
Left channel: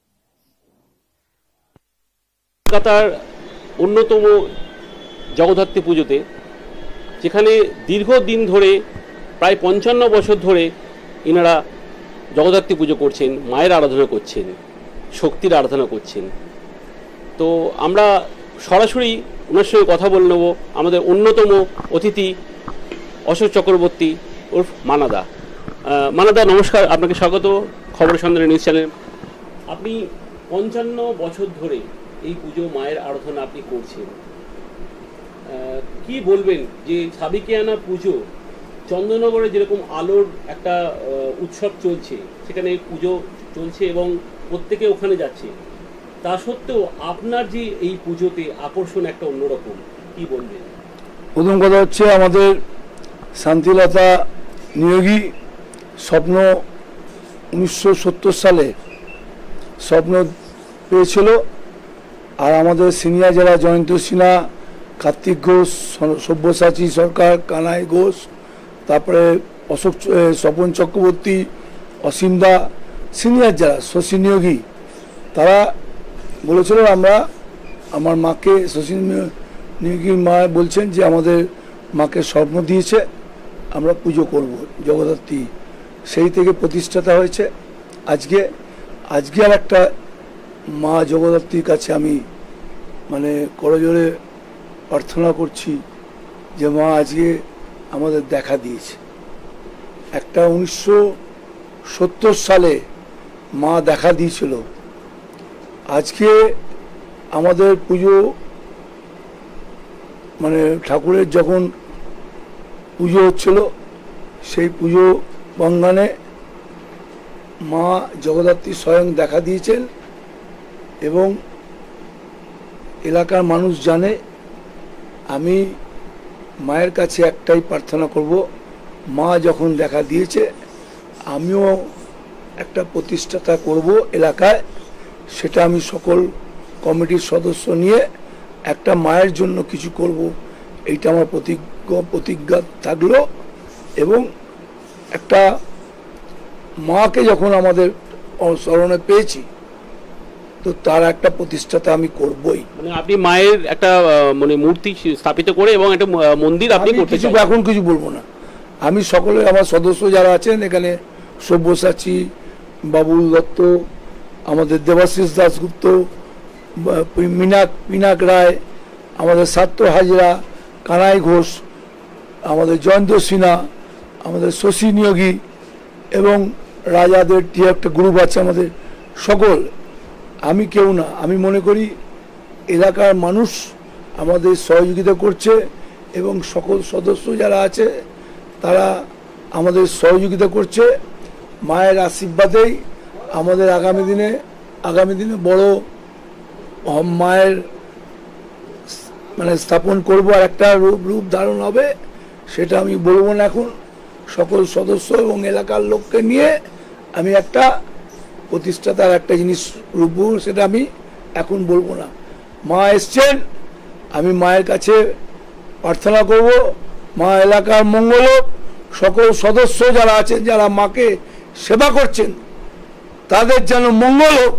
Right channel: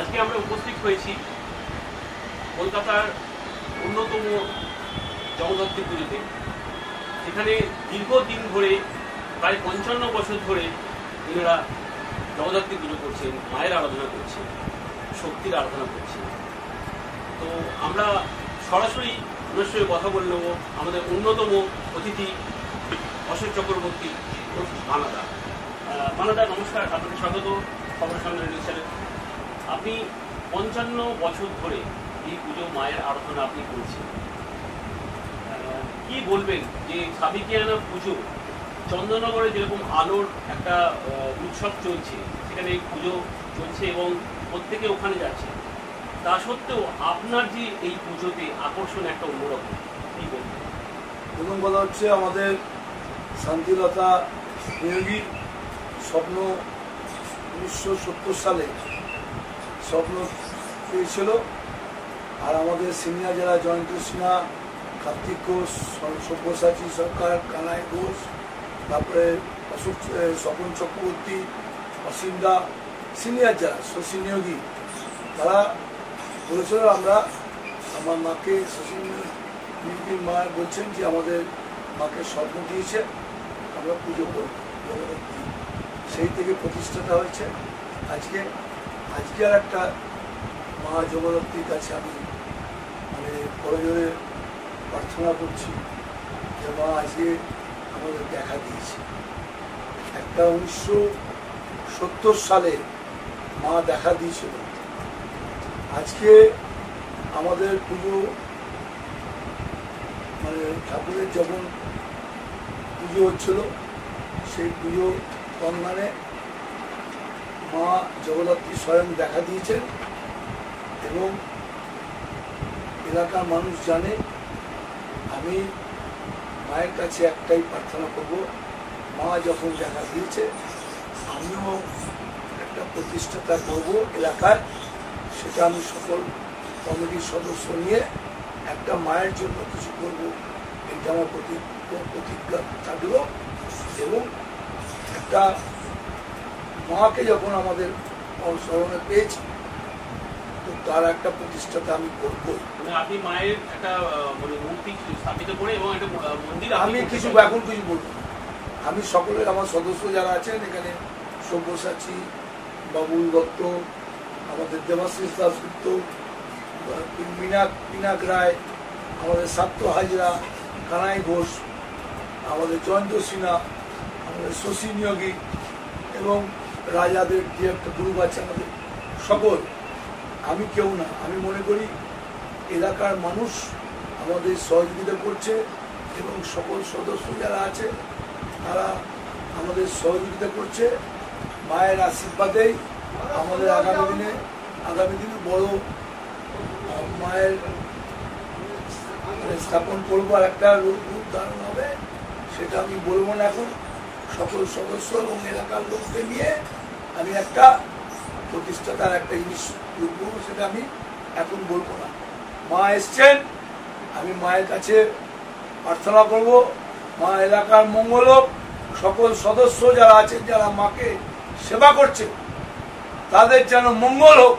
আজকে আমরা উপস্থিত হয়েছি কলকাতার অন্যতম জগদ্ধাত্রী পুজোতে, যেখানে দীর্ঘদিন ধরে প্রায় 55 বছর ধরে এনারা জগদ্ধাত্রী পুজো করছেন, মায়ের আরাধনা করছেন, শক্তির আরাধনা করছেন। তো আমরা সরাসরি ওনার সঙ্গে কথা বলে নেব। আমাদের অন্যতম অতিথি অশোক চক্রবর্তী ওরফ মানাদা। মানাদা নমস্কার, আপনাকে স্বাগত খবরের সন্ধানে নিউজ চ্যানেল। আপনি 55 বছর ধরে এই পুজো মায়ের আরাধনা আপনি করছেন, কি বলবেন যে সাবেকিয়ানা পুজো চন্দননগরে যেরকম আলোর একটা উৎসব চলছে, সেখানে পুজো চলছে এবং প্রত্যেকে ওখানে যাচ্ছে, তা সত্ত্বেও আপনার যে এই পুজোতে আকর্ষণ একটা অন্যরকম, কি বলবেন? প্রথম কথা হচ্ছে আমাদের শান্তিলতা নিয়োগী স্বপ্ন 1970 সালে স্বপ্ন পেয়েছিল, আর আমাদের সিনিয়র যারা জয়ন্ত সিনহা, কার্তিক ঘোষ, সব্যসাচী সরকার, কানাই ঘোষ, তারপরে অশোক স্বপন চক্রবর্তী, অসীমদা, সিনিয়র যারা শশী নিয়োগী, তারা বলেছিল আমরা আমার মাকে, শশী নিয়োগীর মা বলছেন যে আমাদের মাকে স্বপ্ন দিয়েছে আমরা পুজো করব জগদ্ধাত্রী, সেই থেকে প্রতিষ্ঠাতা হয়েছে। আজকে আর একটা মা জগদ্ধাত্রীর কাছে আমি মানে করজোড়ে প্রার্থনা করছি যে মা আজকে আমাদের দেখা দিয়েছে। একটা 1970 সালে মা দেখা দিয়েছিল, আজকে আমাদের পুজো মানে ঠাকুরের যখন পুজো হচ্ছিল সেই পুজো বঙ্গানে মা জগদ্ধাত্রী স্বয়ং দেখা দিয়েছেন এবং এলাকার মানুষ জানে। আমি মায়ের কাছে একটাই প্রার্থনা করব, মা যখন দেখা দিয়েছে আমিও একটা প্রতিষ্ঠাতা করব এলাকায়, সেটা আমি সকল কমিটির সদস্য নিয়ে একটা মায়ের জন্য কিছু করব, এইটা আমার প্রতিজ্ঞা থাকলো। এবং একটা মাকে যখন আমাদের স্মরণে পেয়েছি তো তার একটা প্রতিষ্ঠাতা আমি করবই। আপনি মায়ের একটা মানে মূর্তি স্থাপিত করে এবং একটা মন্দির আপনি করতে চান? এখন কিছু বলবো না, আমি সকলে আমার সদস্য যারা আছেন এখানে, সব্যসাচী, বাবুল দত্ত, আমাদের দেবাশিস দাশগুপ্ত, পিনাক রায়, আমাদের সাত্য হাজরা, কানাই ঘোষ, আমাদের জয়ন্ত সিনহা, আমাদের শশী নিয়োগী এবং রাজাদের যে একটা গ্রুপ আছে আমাদের সকল, আমি কেউ না, আমি মনে করি এলাকার মানুষ আমাদের সহযোগিতা করছে এবং সকল সদস্য যারা আছে তারা আমাদের সহযোগিতা করছে। মায়ের আশীর্বাদেই আমাদের আগামী দিনে বড় মায়ের মানে স্থাপন করবো আর একটা রূপ ধারণ হবে সেটা আমি বলবো না এখন। সকল সদস্য এবং এলাকার লোককে নিয়ে আমি একটা প্রতিষ্ঠাতার একটা জিনিস রূপ, সেটা আমি এখন বলবো না। মা এসছেন, আমি মায়ের কাছে প্রার্থনা করব মা এলাকার মঙ্গল হোক, সকল সদস্য যারা আছেন যারা মাকে সেবা করছেন তাদের যেন মঙ্গল হোক,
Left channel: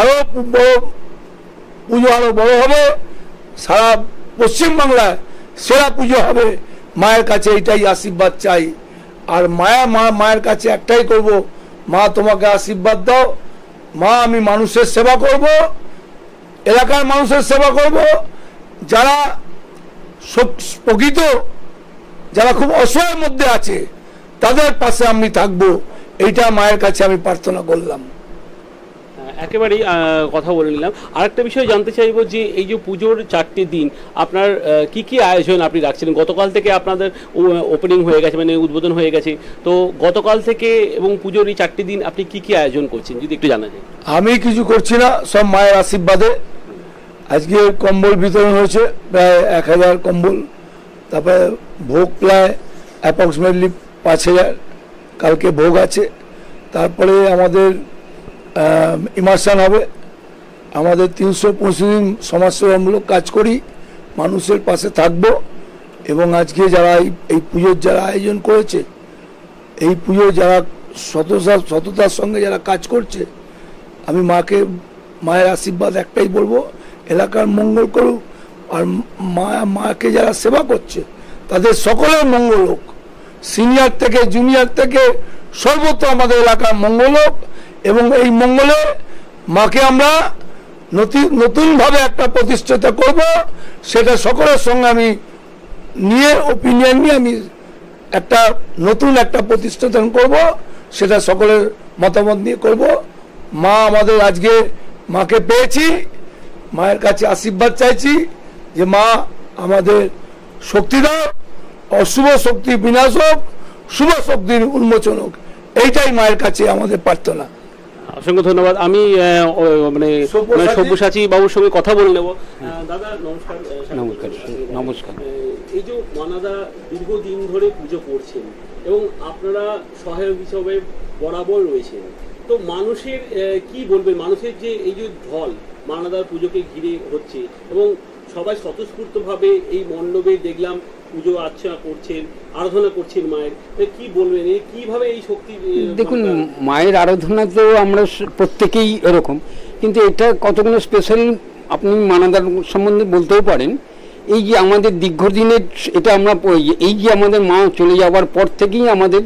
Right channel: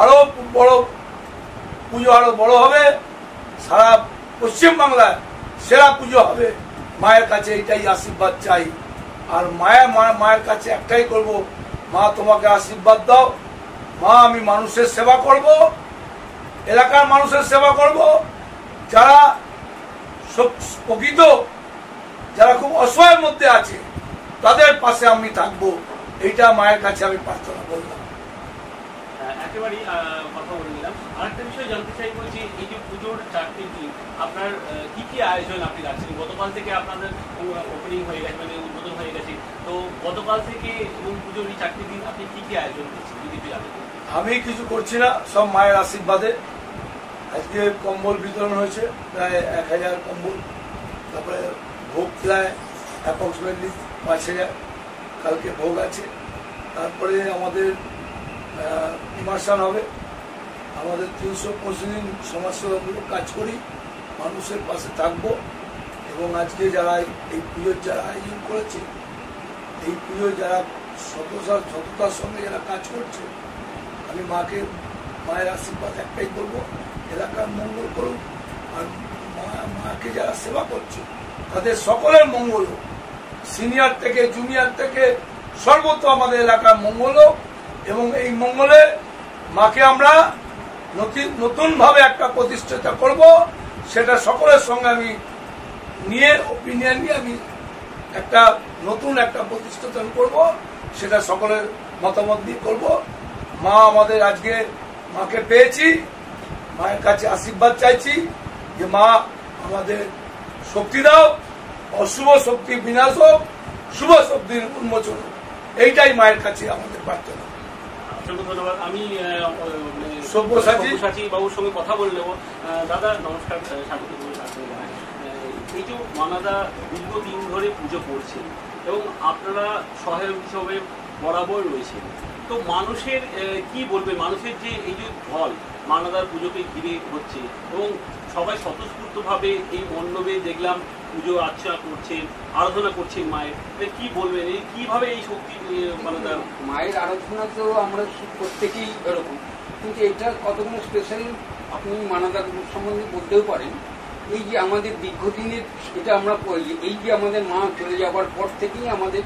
আরো বড় পুজো আরো বড় হবে, সারা পশ্চিমবাংলায় সেরা পুজো হবে। মায়ের কাছে এইটাই আশীর্বাদ চাই। আর মায়ের কাছে একটাই করব, মা তোমাকে আশীর্বাদ দাও। মা আমি মানুষের সেবা করব, এলাকার মানুষের সেবা করব, যারা প্রকৃত যারা খুব অসহায়ের মধ্যে আছে তাদের পাশে আমি থাকবো, এইটা মায়ের কাছে আমি প্রার্থনা করলাম। একেবারেই কথা বলে নিলাম। আরেকটা বিষয় জানতে চাইবো যে এই যে পুজোর 4টি দিন আপনার কি কি আয়োজন আপনি রাখছিলেন? গতকাল থেকে আপনাদের ওপেনিং হয়ে গেছে, মানে উদ্বোধন হয়ে গেছে, তো গতকাল থেকে এবং পুজোর এই 4টি দিন আপনি কি কি আয়োজন করছেন যদি একটু জানান। আমি কিছু করছি না, সব মায়ের আশীর্বাদে। আজকে কম্বল বিতরণ হয়েছে প্রায় 1000 কম্বল, তারপরে ভোগ প্রায় অ্যাপ্রক্সিমেটলি 5000, কালকে ভোগ আছে। তারপরে আমাদের ইমার্শন হবে। আমাদের 365 দিন সমাজসেবামূলক কাজ করি, মানুষের পাশে থাকব। এবং আজকে যারা এই পুজোর যারা আয়োজন করেছে, এই পুজো যারা সততার সঙ্গে যারা কাজ করছে, আমি মায়ের আশীর্বাদ একটাই বলবো, এলাকার মঙ্গল করুক। আর মাকে যারা সেবা করছে তাদের সকলের মঙ্গল হোক, সিনিয়র থেকে জুনিয়র থেকে সর্বত্র আমাদের এলাকার মঙ্গল হোক। এবং এই মঙ্গলে মাকে আমরা নতুনভাবে একটা প্রতিষ্ঠিত করব, সেটা সকলের সঙ্গে আমি নিয়ে ওপিনিয়ন নিয়ে আমি নতুন একটা প্রতিষ্ঠান করব, সেটা সকলের মতামত নিয়ে করব। মা আমাদের আজকে মাকে পেয়েছি, মায়ের কাছে আশীর্বাদ চাইছি যে মা আমাদের শক্তি দাও, অশুভ শক্তি বিনাশ হোক, শুভ শক্তির উন্মোচন হোক, এইটাই মায়ের কাছে আমাদের প্রার্থনা। অসংখ্য ধন্যবাদ। আমি মানে সব্যসাচী বাবুর সঙ্গে কথা বলে নেব। দাদা নমস্কার। নমস্কার। এই যে মানাদা দীর্ঘদিন ধরে পুজো করছেন এবং আপনারা সহায়ক হিসাবে বরাবর রয়েছেন, তো মানুষের কি বলবেন? মানুষের যে এই যে ঢল মানাদার পুজোকে ঘিরে হচ্ছে এবং সবাই স্বতঃস্ফূর্তভাবে এই মণ্ডপে দেখলাম পুজো আর্চনা করছেন, আরাধনা করছেন মায়ের, কি বলবেন কিভাবে এই শক্তি? দেখুন, মায়ের আরাধনা তো আমরা প্রত্যেকেই এরকম, কিন্তু এটা কতগুলো স্পেশাল আপনি মানাদার সম্বন্ধে বলতেও পারেন। এই যে আমাদের দীর্ঘদিনের এটা আমরা এই যে আমাদের মা চলে যাওয়ার পর থেকেই আমাদের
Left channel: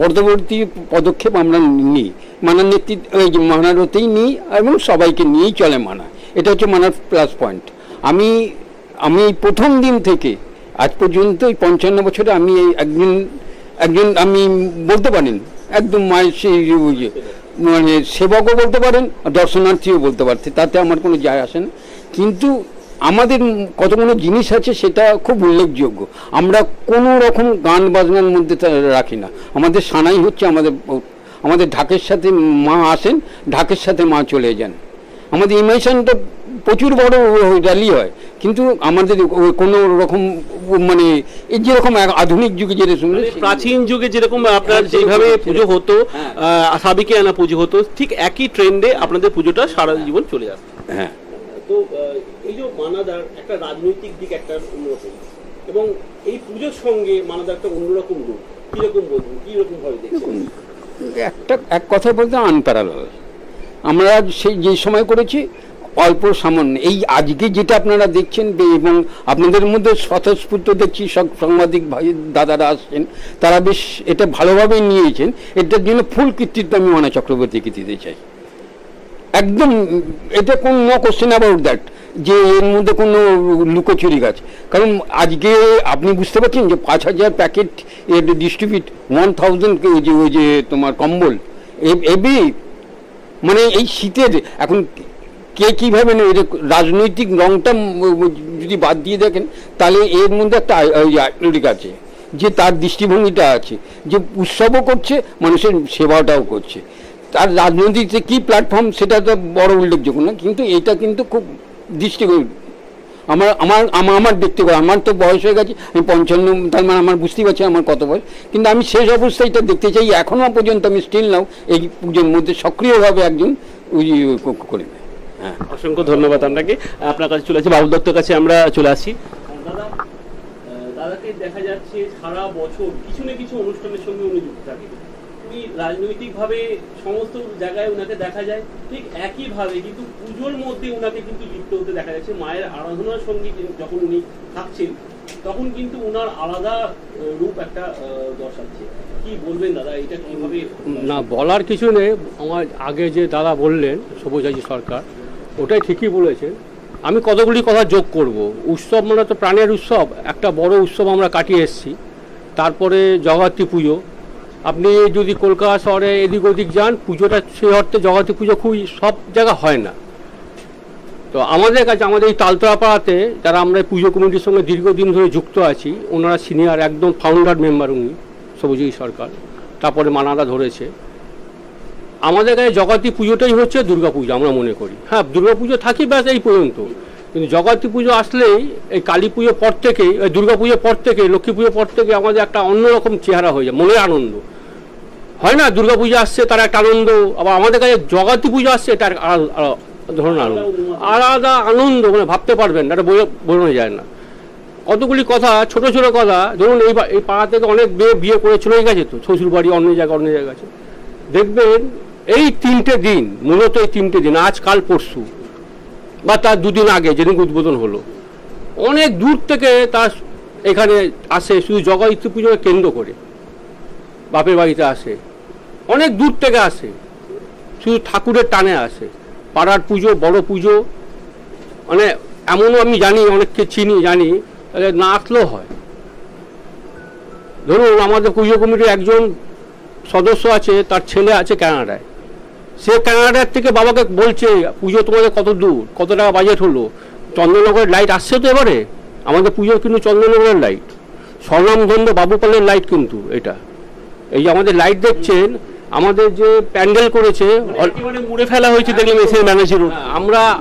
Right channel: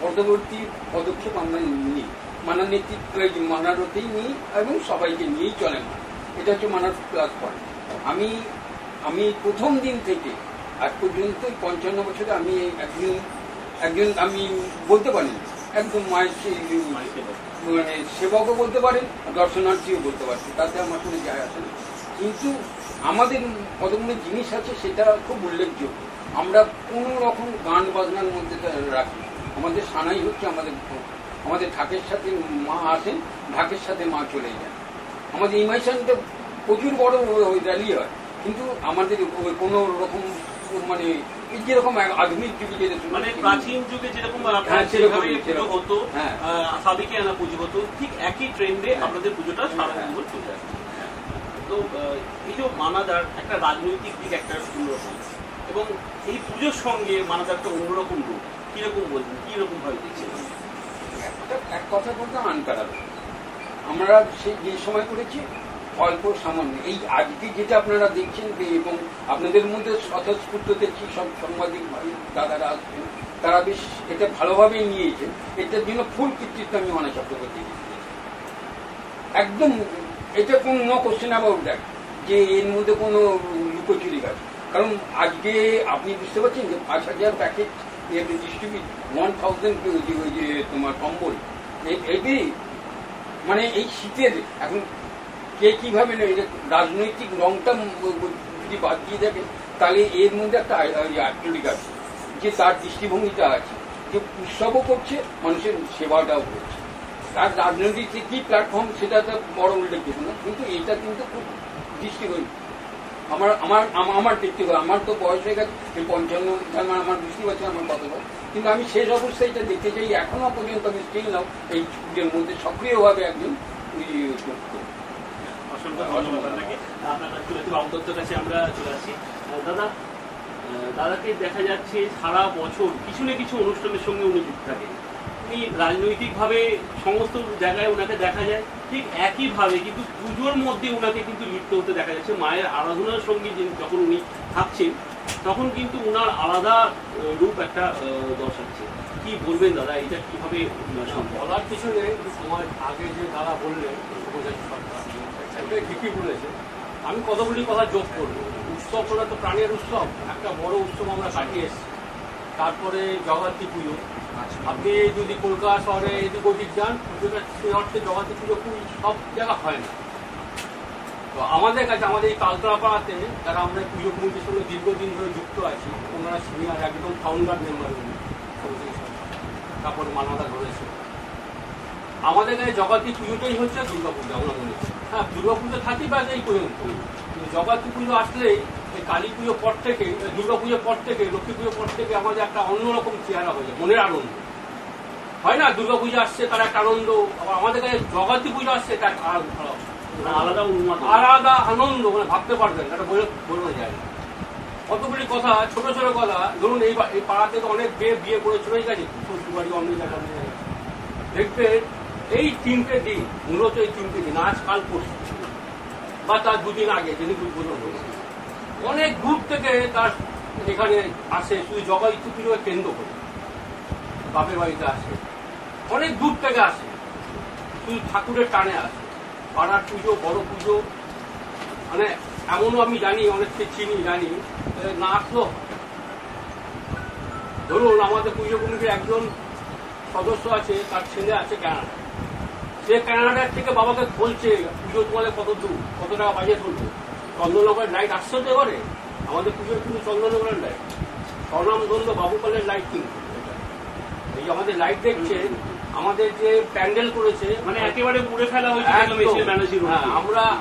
পরবর্তী পদক্ষেপ আমরা নিই, মানার নেতৃত্ব এই যে মানারতেই নিই এবং সবাইকে নিয়েই চলে মানা। এটা হচ্ছে মানার প্লাস পয়েন্ট। আমি প্রথম দিন থেকে আজ পর্যন্ত এই 55 বছরে আমি একজন আমি বলতে পারেন একদম মায়ের সেই মানে সেবকও বলতে পারেন, দর্শনার্থীও বলতে পারছে, তাতে আমার কোনো যায় আসে না। কিন্তু আমাদের কতগুলো জিনিস আছে সেটা খুব উল্লেখযোগ্য। আমরা কোনো রকম গান বাজনার মধ্যে রাখি না। আমাদের সানাই হচ্ছে আমাদের ঢাকের সাথে মা আসেন, ঢাকের সাথে মা চলে যান। আমাদের ইমাইশনটা প্রচুর বড় র্যালি হয়, কিন্তু আমাদের কোনো রকম মানে এই যেরকম আধুনিক যুগে যেরকম প্রাচীন যুগে যেরকম আপনার যেভাবে পুজো হতো, সাবিকে আনা পুজো হতো, ঠিক একই ট্রেন্ডে আপনাদের পুজোটা সারা জীবন চলে যাচ্ছে। হ্যাঁ, তো এই যে মানাদার একটা রাজনৈতিক দিক একটা অন্যরকম, এবং এই পুজোর সঙ্গে মানাদার একটা অন্যরকম রূপ, কিরকম বলবেন, কিরকম ভাবে দেখছেন? এক কথা বলতে আনপ্যারালাল। আমরা সেই যে সময় করেছি অল্প সামান্য, এই আজকে যেটা আপনারা দেখছেন এবং আপনাদের মধ্যে স্বতঃস্ফূর্ত দেখছি সব সাংবাদিক ভাই দাদারা আসছেন, তারা বেশ এটা ভালোভাবে নিয়েছেন। এটার জন্য ফুল কৃতিত্ব আমি মানা চক্রবর্তীকে দিতে চাই। একদম এটা কোন নো কোশ্চেন অ্যাবাউট দ্যাট যে এর মধ্যে কোনো লুকোচুরি গাছ। কারণ আজকে আপনি বুঝতে পারছেন যে 5000 প্যাকেট ডিস্ট্রিবিউট 1000 ওই যে তোমার কম্বল এবি, মানে এই শীতের এখন কে কীভাবে রাজনৈতিক রংটা যদি বাদ দিয়ে দেখেন তাহলে এর মধ্যে একটা আইডিয়া আছে যে তার দৃষ্টিভঙ্গিটা আছে, যে উৎসবও করছে মানুষের সেবাটাও করছে। তার রাজনৈতিক যে কী প্ল্যাটফর্ম সেটা তো বড় উল্লেখযোগ্য না, কিন্তু এটা কিন্তু খুব দৃষ্টিভঙ্গি। আমার আমার আমার দেখতে পাই, আমার তো বয়স হয়ে গেছে, আমি 55, তার মানে আমার বুঝতেই পারছি আমার কত বয়স, কিন্তু আমি শেষ অবস্থায় এটা দেখতে চাই। এখনো পর্যন্ত আমি স্টিল নাও এই পুজোর মধ্যে সক্রিয়ভাবে একজন করি। অসংখ্য ধন্যবাদ আপনাকে। আপনার কাছে চলে আসি, বাবু দত্তর কাছে আমরা চলে আসি। দাদা, দাদাকে দেখা যাচ্ছে সারা বছর কিছু না কিছু অনুষ্ঠানের সঙ্গে উনি যুক্ত থাকেন। উনি রাজনৈতিকভাবে সমস্ত জায়গায় ওনাকে দেখা যায়, ঠিক একইভাবে কিন্তু পুজোর মধ্যে ওনাকে কিন্তু যুক্ত হতে দেখা যাচ্ছে। মায়ের আরাধনার সঙ্গে যখন উনি থাকছেন তখন কিন্তু ওনার আলাদা রূপ একটা দর্শাচ্ছে। কি বলবেন দাদা, এটা কিভাবে? না, বলার কিছু নেই। আমার আগে যে দাদা বললেন সবুজাজি সরকার, ওটাই ঠিকই বলেছে। আমি কতগুলি কথা যোগ করব। উৎসব মানে তো প্রাণের উৎসব, একটা বড় উৎসব আমরা কাটিয়ে এসেছি। তারপরে জগদ্ধাত্রী পুজো, আপনি যদি কলকাতা শহরে এদিক ওদিক যান, পুজোটা সেই অর্থে জগদ্ধাত্রী পুজো খুব সব জায়গা হয় না। তো আমাদের কাছে, আমাদের এই তালতলা পাড়াতে যারা আমরা পুজো কমিটির সঙ্গে দীর্ঘদিন ধরে যুক্ত আছি, ওনারা সিনিয়র একদম ফাউন্ডার মেম্বার উনি সবুজাজি সরকার, তারপরে মানাদা ধরেছে। আমাদের কাছে জগদ্ধাত্রী পুজোটাই হচ্ছে দুর্গাপুজো আমরা মনে করি। হ্যাঁ, দুর্গাপুজো থাকি ব্যাস এই পর্যন্ত, কিন্তু জগদ্ধাত্রী পুজো আসলেই এই কালী পুজোর পর থেকে, দুর্গা পুজোর পর থেকে, লক্ষ্মী পুজোর পর থেকে আমাদের একটা অন্যরকম চেহারা হয়ে যায়, মনের আনন্দ হয় না। দুর্গা পুজো আসছে তার একটা আনন্দ, আবার আমাদের কাছে জগদ্ধাত্রী পুজো আসছে এটা ধরুন আলাদা আনন্দ, মানে ভাবতে পারবেন না, এটা বোঝানো যায় না। কতগুলি কথা, ছোট ছোট কথা, ধরুন এই পাড়া থেকে অনেক বিয়ে করে চলে গেছে, তো শ্বশুর বাড়ি অন্য জায়গায় আছে। দেখবেন এই 3টে দিন, মূলত এই 3টে দিন, আজ কাল পরশু বা তার 2 দিন আগে যেদিন উদ্বোধন হলো, অনেক দূর থেকে তার এখানে আসে, শুধু জগদ্ধাত্রী পুজোকে কেন্দ্র করে বাপের বাড়িতে আসে, অনেক দূর থেকে আসে, শুধু ঠাকুরের টানে আসে। পাড়ার পুজো, বড় পুজো, মানে এমনও আমি জানি, অনেককে চিনি, জানি না আসলেও হয়। ধরুন আমাদের পুজো কমিটির একজন সদস্য আছে, তার ছেলে আছে কানাডায়, সে কানাডার থেকে বাবাকে বলছে পুজো তোমাদের কত দূর, কত টাকা বাজেট হলো, চন্দননগরের লাইট আসছে তো এবারে, আমাদের পুজো কিন্তু চন্দননগরের লাইট, স্বর্ণামধন্য বাবুপালের লাইট কিন্তু এটা। এই যে আমাদের লাইট দেখছেন, আমাদের যে প্যান্ডেল করেছে একেবারে মুড়ে ফেলা হয়েছে, দেখলেন এসে ম্যানেজার।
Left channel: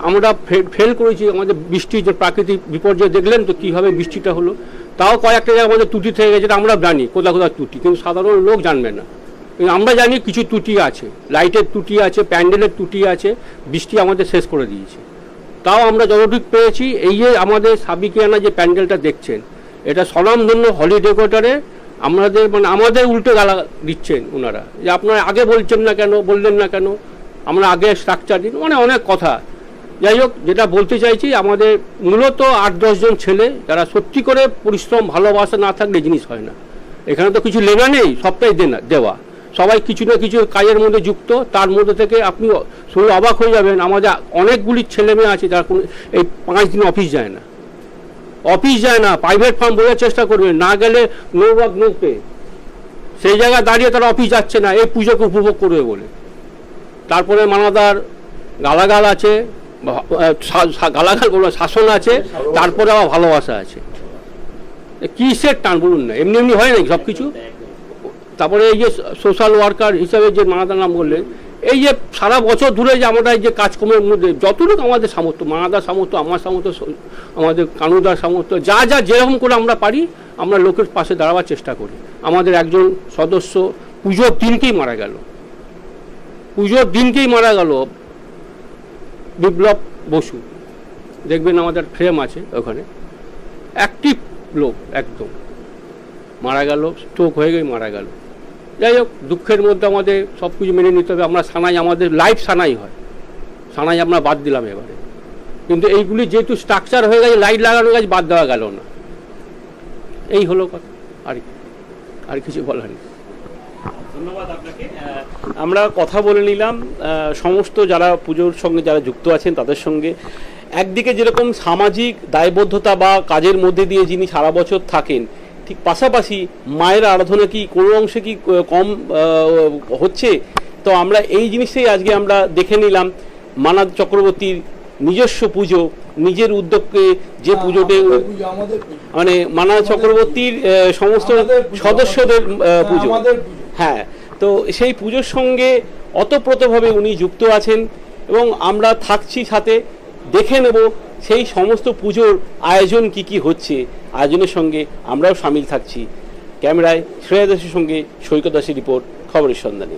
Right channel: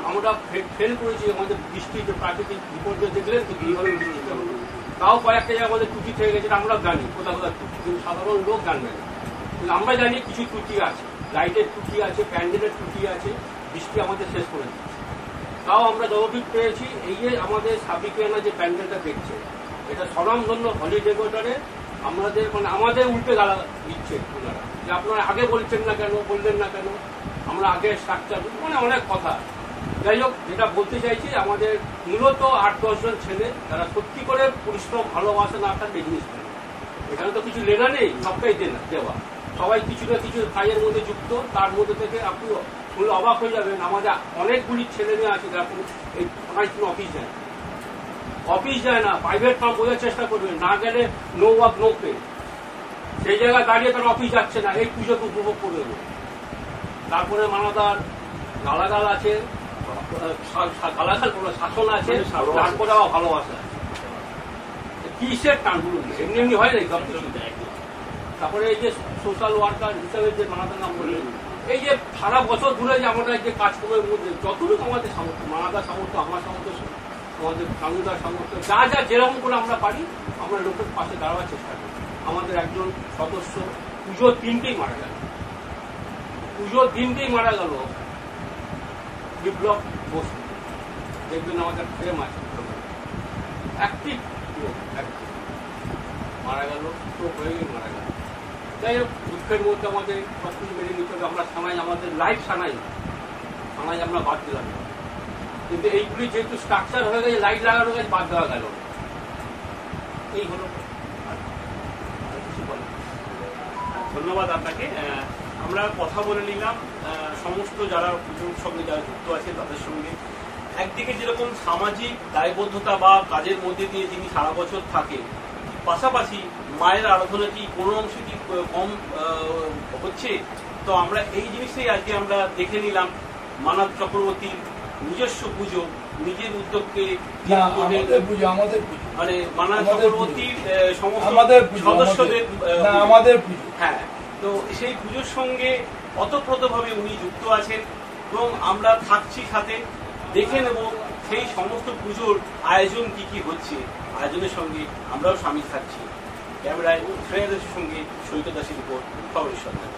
আমরা ফেল করেছি। আমাদের বৃষ্টি, যে প্রাকৃতিক বিপর্যয় দেখলেন তো কীভাবে বৃষ্টিটা হলো, তাও কয়েকটা জায়গায় আমাদের ত্রুটি থেকে গেছে, আমরা জানি কোথাও ত্রুটি, কিন্তু সাধারণ লোক জানবে না। কিন্তু আমরা জানি কিছু ত্রুটি আছে, লাইটের ত্রুটি আছে, প্যান্ডেলের ত্রুটি আছে, বৃষ্টি আমাদের শেষ করে দিয়েছে। তাও আমরা যতটুকু পেয়েছি, এই যে আমাদের সাবিকিয়ানা যে প্যান্ডেলটা দেখছেন, এটা স্বনামধন্য হলিডে কোয়ার্টারে আমাদের, মানে আমাদের উল্টে গালা দিচ্ছেন ওনারা, যে আপনারা আগে বলছেন না কেন, বললেন না কেন, আমরা আগে স্ট্রাকচার দিন, মানে অনেক কথা। যাই হোক, যেটা বলতে চাইছি, আমাদের মূলত 8-10 জন ছেলে যারা সত্যি করে পরিশ্রম, ভালোবাসা না থাকলে জিনিস হয় না। এখানে তো কিছু লেনা নেই, সবটাই দেওয়া, সবাই কিছু না কিছু কাজের মধ্যে যুক্ত। তার মধ্যে থেকে আপনি শুনে অবাক হয়ে যাবেন, আমাদের অনেকগুলি ছেলে মেয়ে আছে যারা এই 5 দিন অফিস যায় না, প্রাইভেট ফার্ম বোঝার চেষ্টা করবেন, না গেলে নো ওয়ার্ক নো পে, সেই জায়গায় দাঁড়িয়ে তারা অফিস যাচ্ছে না এই পুজোকে উপভোগ করবে বলে। তারপরে মানাদার গালাগাল আছে, গালাগাল বলবো, শাসন আছে, তারপরে আবার ভালোবাসা আছে। কিসের টান বলুন না, এমনি এমনি হয় না সব কিছু। তারপরে এই যে সোশ্যাল ওয়ার্কার হিসাবে যে মানাদার নাম বললেন, এই যে সারা বছর ধরে যে আমরা যে কাজকর্মের মধ্যে যতটুকু আমাদের সামর্থ্য, মানাদার সামর্থ্য, আমার সামর্থ্য, আমাদের কানুদার সামর্থ্য, যা যেরকম করে আমরা পারি, আমরা লোকের পাশে দাঁড়াবার চেষ্টা করি। আমাদের একজন সদস্য পুজোর দিনকেই মারা গেল, বিপ্লব বসু, দেখবেন আমাদের ফ্রেম আছে ওখানে, অ্যাক্টিভ লোক, একদম মারা গেল, স্ট্রোক হয়ে গিয়ে মারা গেল। যাই হোক, দুঃখের মধ্যে আমাদের সব কিছু মেনে নিতে হবে। আমরা সানাই, আমাদের লাইফ সানাই হয়, সানাই আমরা বাদ দিলাম এবার, কিন্তু এইগুলি যেহেতু স্ট্রাকচার হয়ে গেছে, লাইট লাগানো গেছে, বাদ দেওয়া গেল না। এই হলো কথা, আর কিছু বলার নেই। ধন্যবাদ আপনাকে। আমরা কথা বলে নিলাম সমস্ত যারা পুজোর সঙ্গে যারা যুক্ত আছেন তাদের সঙ্গে। একদিকে যেরকম সামাজিক দায়বদ্ধতা বা কাজের মধ্যে দিয়ে যিনি সারা বছর থাকেন, ঠিক পাশাপাশি মায়ের আরাধনা কি কোনো অংশে কি কম হচ্ছে? তো আমরা এই জিনিসটাই আজকে আমরা দেখে নিলাম। মানাদ চক্রবর্তীর নিজস্ব পুজো, নিজের উদ্যোগকে যে পুজোতে, মানে মানাদ চক্রবর্তীর সমস্ত সদস্যদের পুজো, হ্যাঁ, তো সেই পুজোর সঙ্গে অতপ্রতভাবে উনি যুক্ত আছেন এবং আমরা থাকছি সাথে। দেখে নেব সেই সমস্ত পুজোর আয়োজন কি হচ্ছে। আয়োজনের সঙ্গে আমরাও সামিল থাকছি। ক্যামেরায় শ্রেয়া দাসের সঙ্গে সৈকত দাসের রিপোর্ট, খবরের সন্ধানে।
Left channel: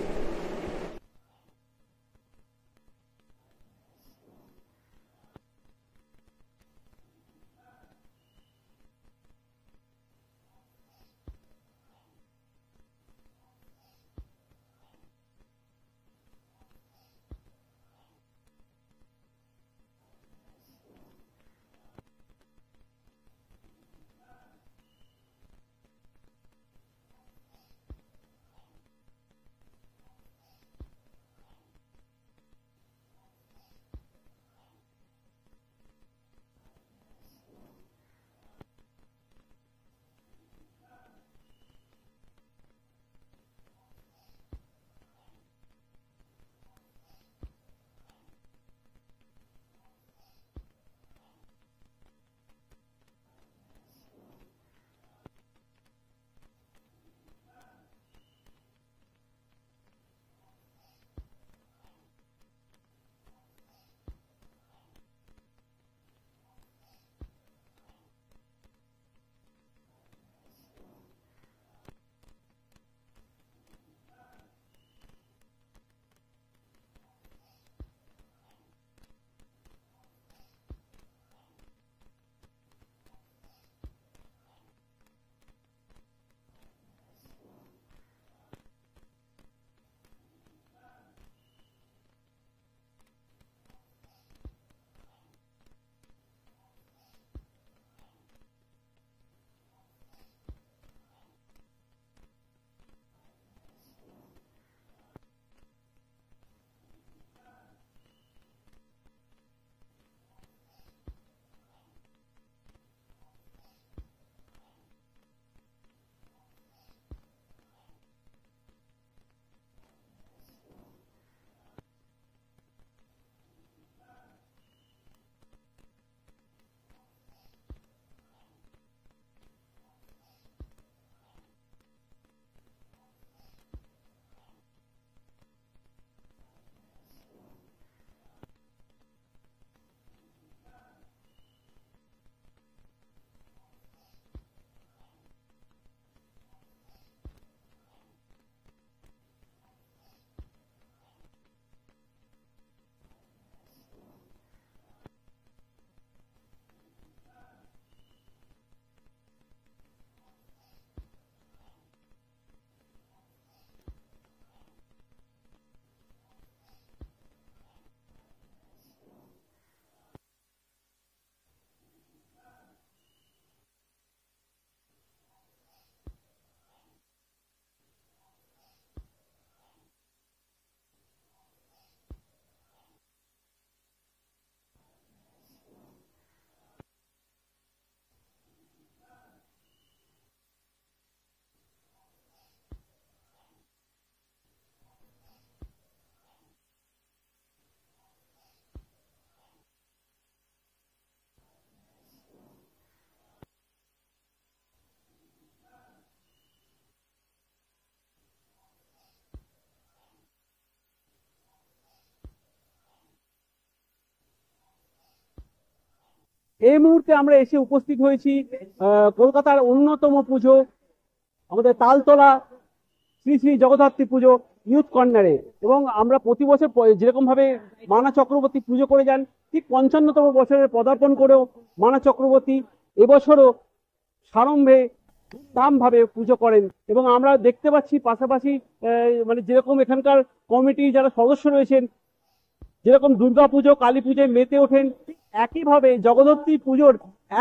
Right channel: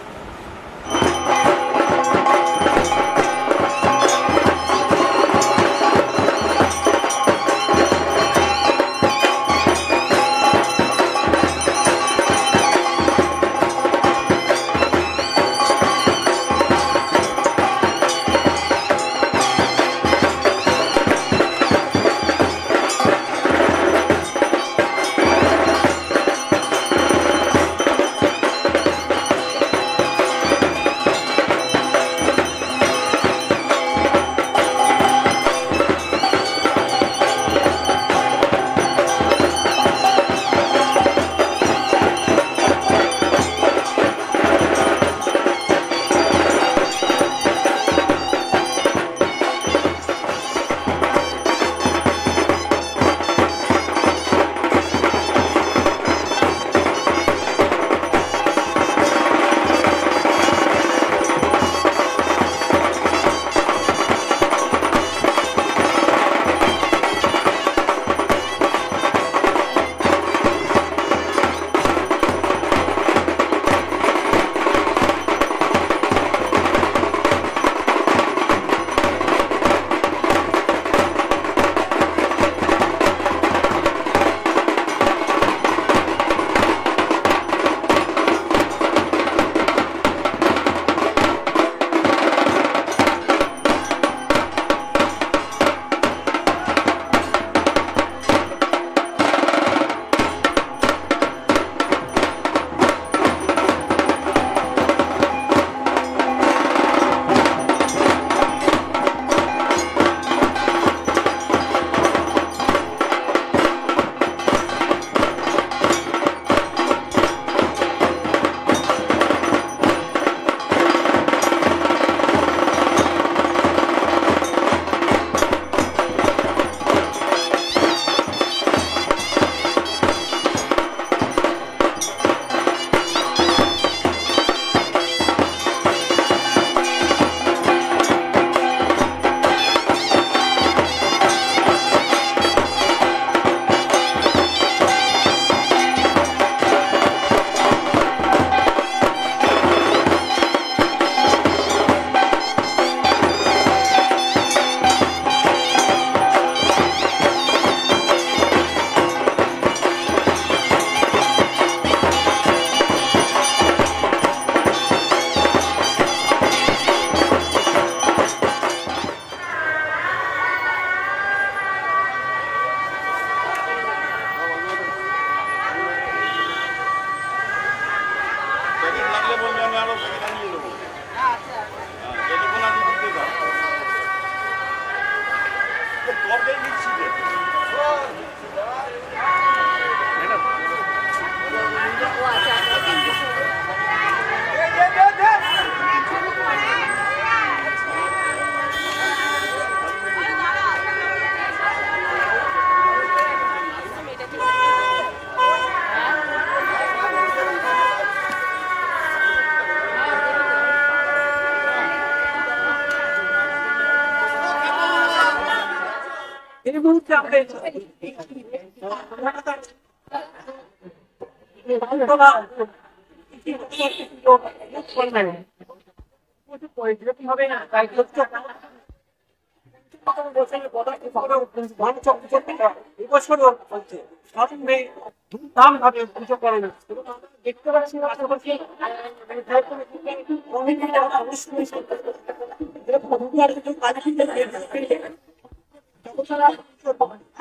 এই মুহূর্তে আমরা এসে উপস্থিত হয়েছি কলকাতার অন্যতম পুজো আমাদের তালতলা শ্রী শ্রী জগদ্ধাত্রী পুজো ইউথ কর্নারে। এবং আমরা প্রতি বছর যেরকম ভাবে মানা চক্রবর্তী পুজো করে যান, ঠিক 55তম বছরে পদার্পণ করেও মানা চক্রবর্তী এবছরও সারম্ভে ধুমধাম ভাবে পুজো করেন। এবং আমরা দেখতে পাচ্ছি পাশাপাশি মানে যেরকম এখানকার কমিটির যারা সদস্য রয়েছেন, যেরকম দুর্গা পুজো কালী পুজোয় মেতে ওঠেন, একইভাবে জগদ্ধাত্রী পুজোর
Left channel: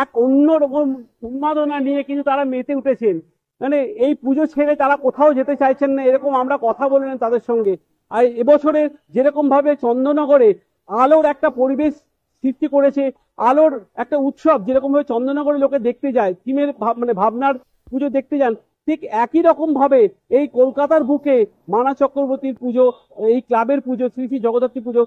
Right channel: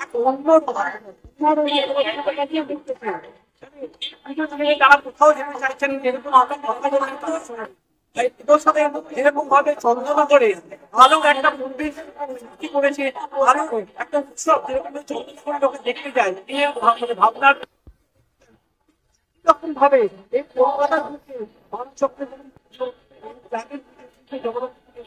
এক অন্যরকম উন্মাদনা নিয়ে কিন্তু তারা মেতে উঠেছেন। মানে এই পুজো ছেড়ে তারা কোথাও যেতে চাইছেন না, এরকম আমরা কথা বললাম তাদের সঙ্গে। আর এবছরে যেরকম ভাবে চন্দননগরে আলোর একটা পরিবেশ সৃষ্টি করেছে, আলোর একটা উৎসব, যেরকম ভাবে চন্দননগরে লোকে দেখতে যায়, দিনের মানে ভাবনার পুজো দেখতে যান, ঠিক একই রকম ভাবে এই কলকাতার বুকে মানা চক্রবর্তীর পুজো, এই ক্লাবের পুজো শ্রী শ্রী জগদ্ধাত্রী পুজো,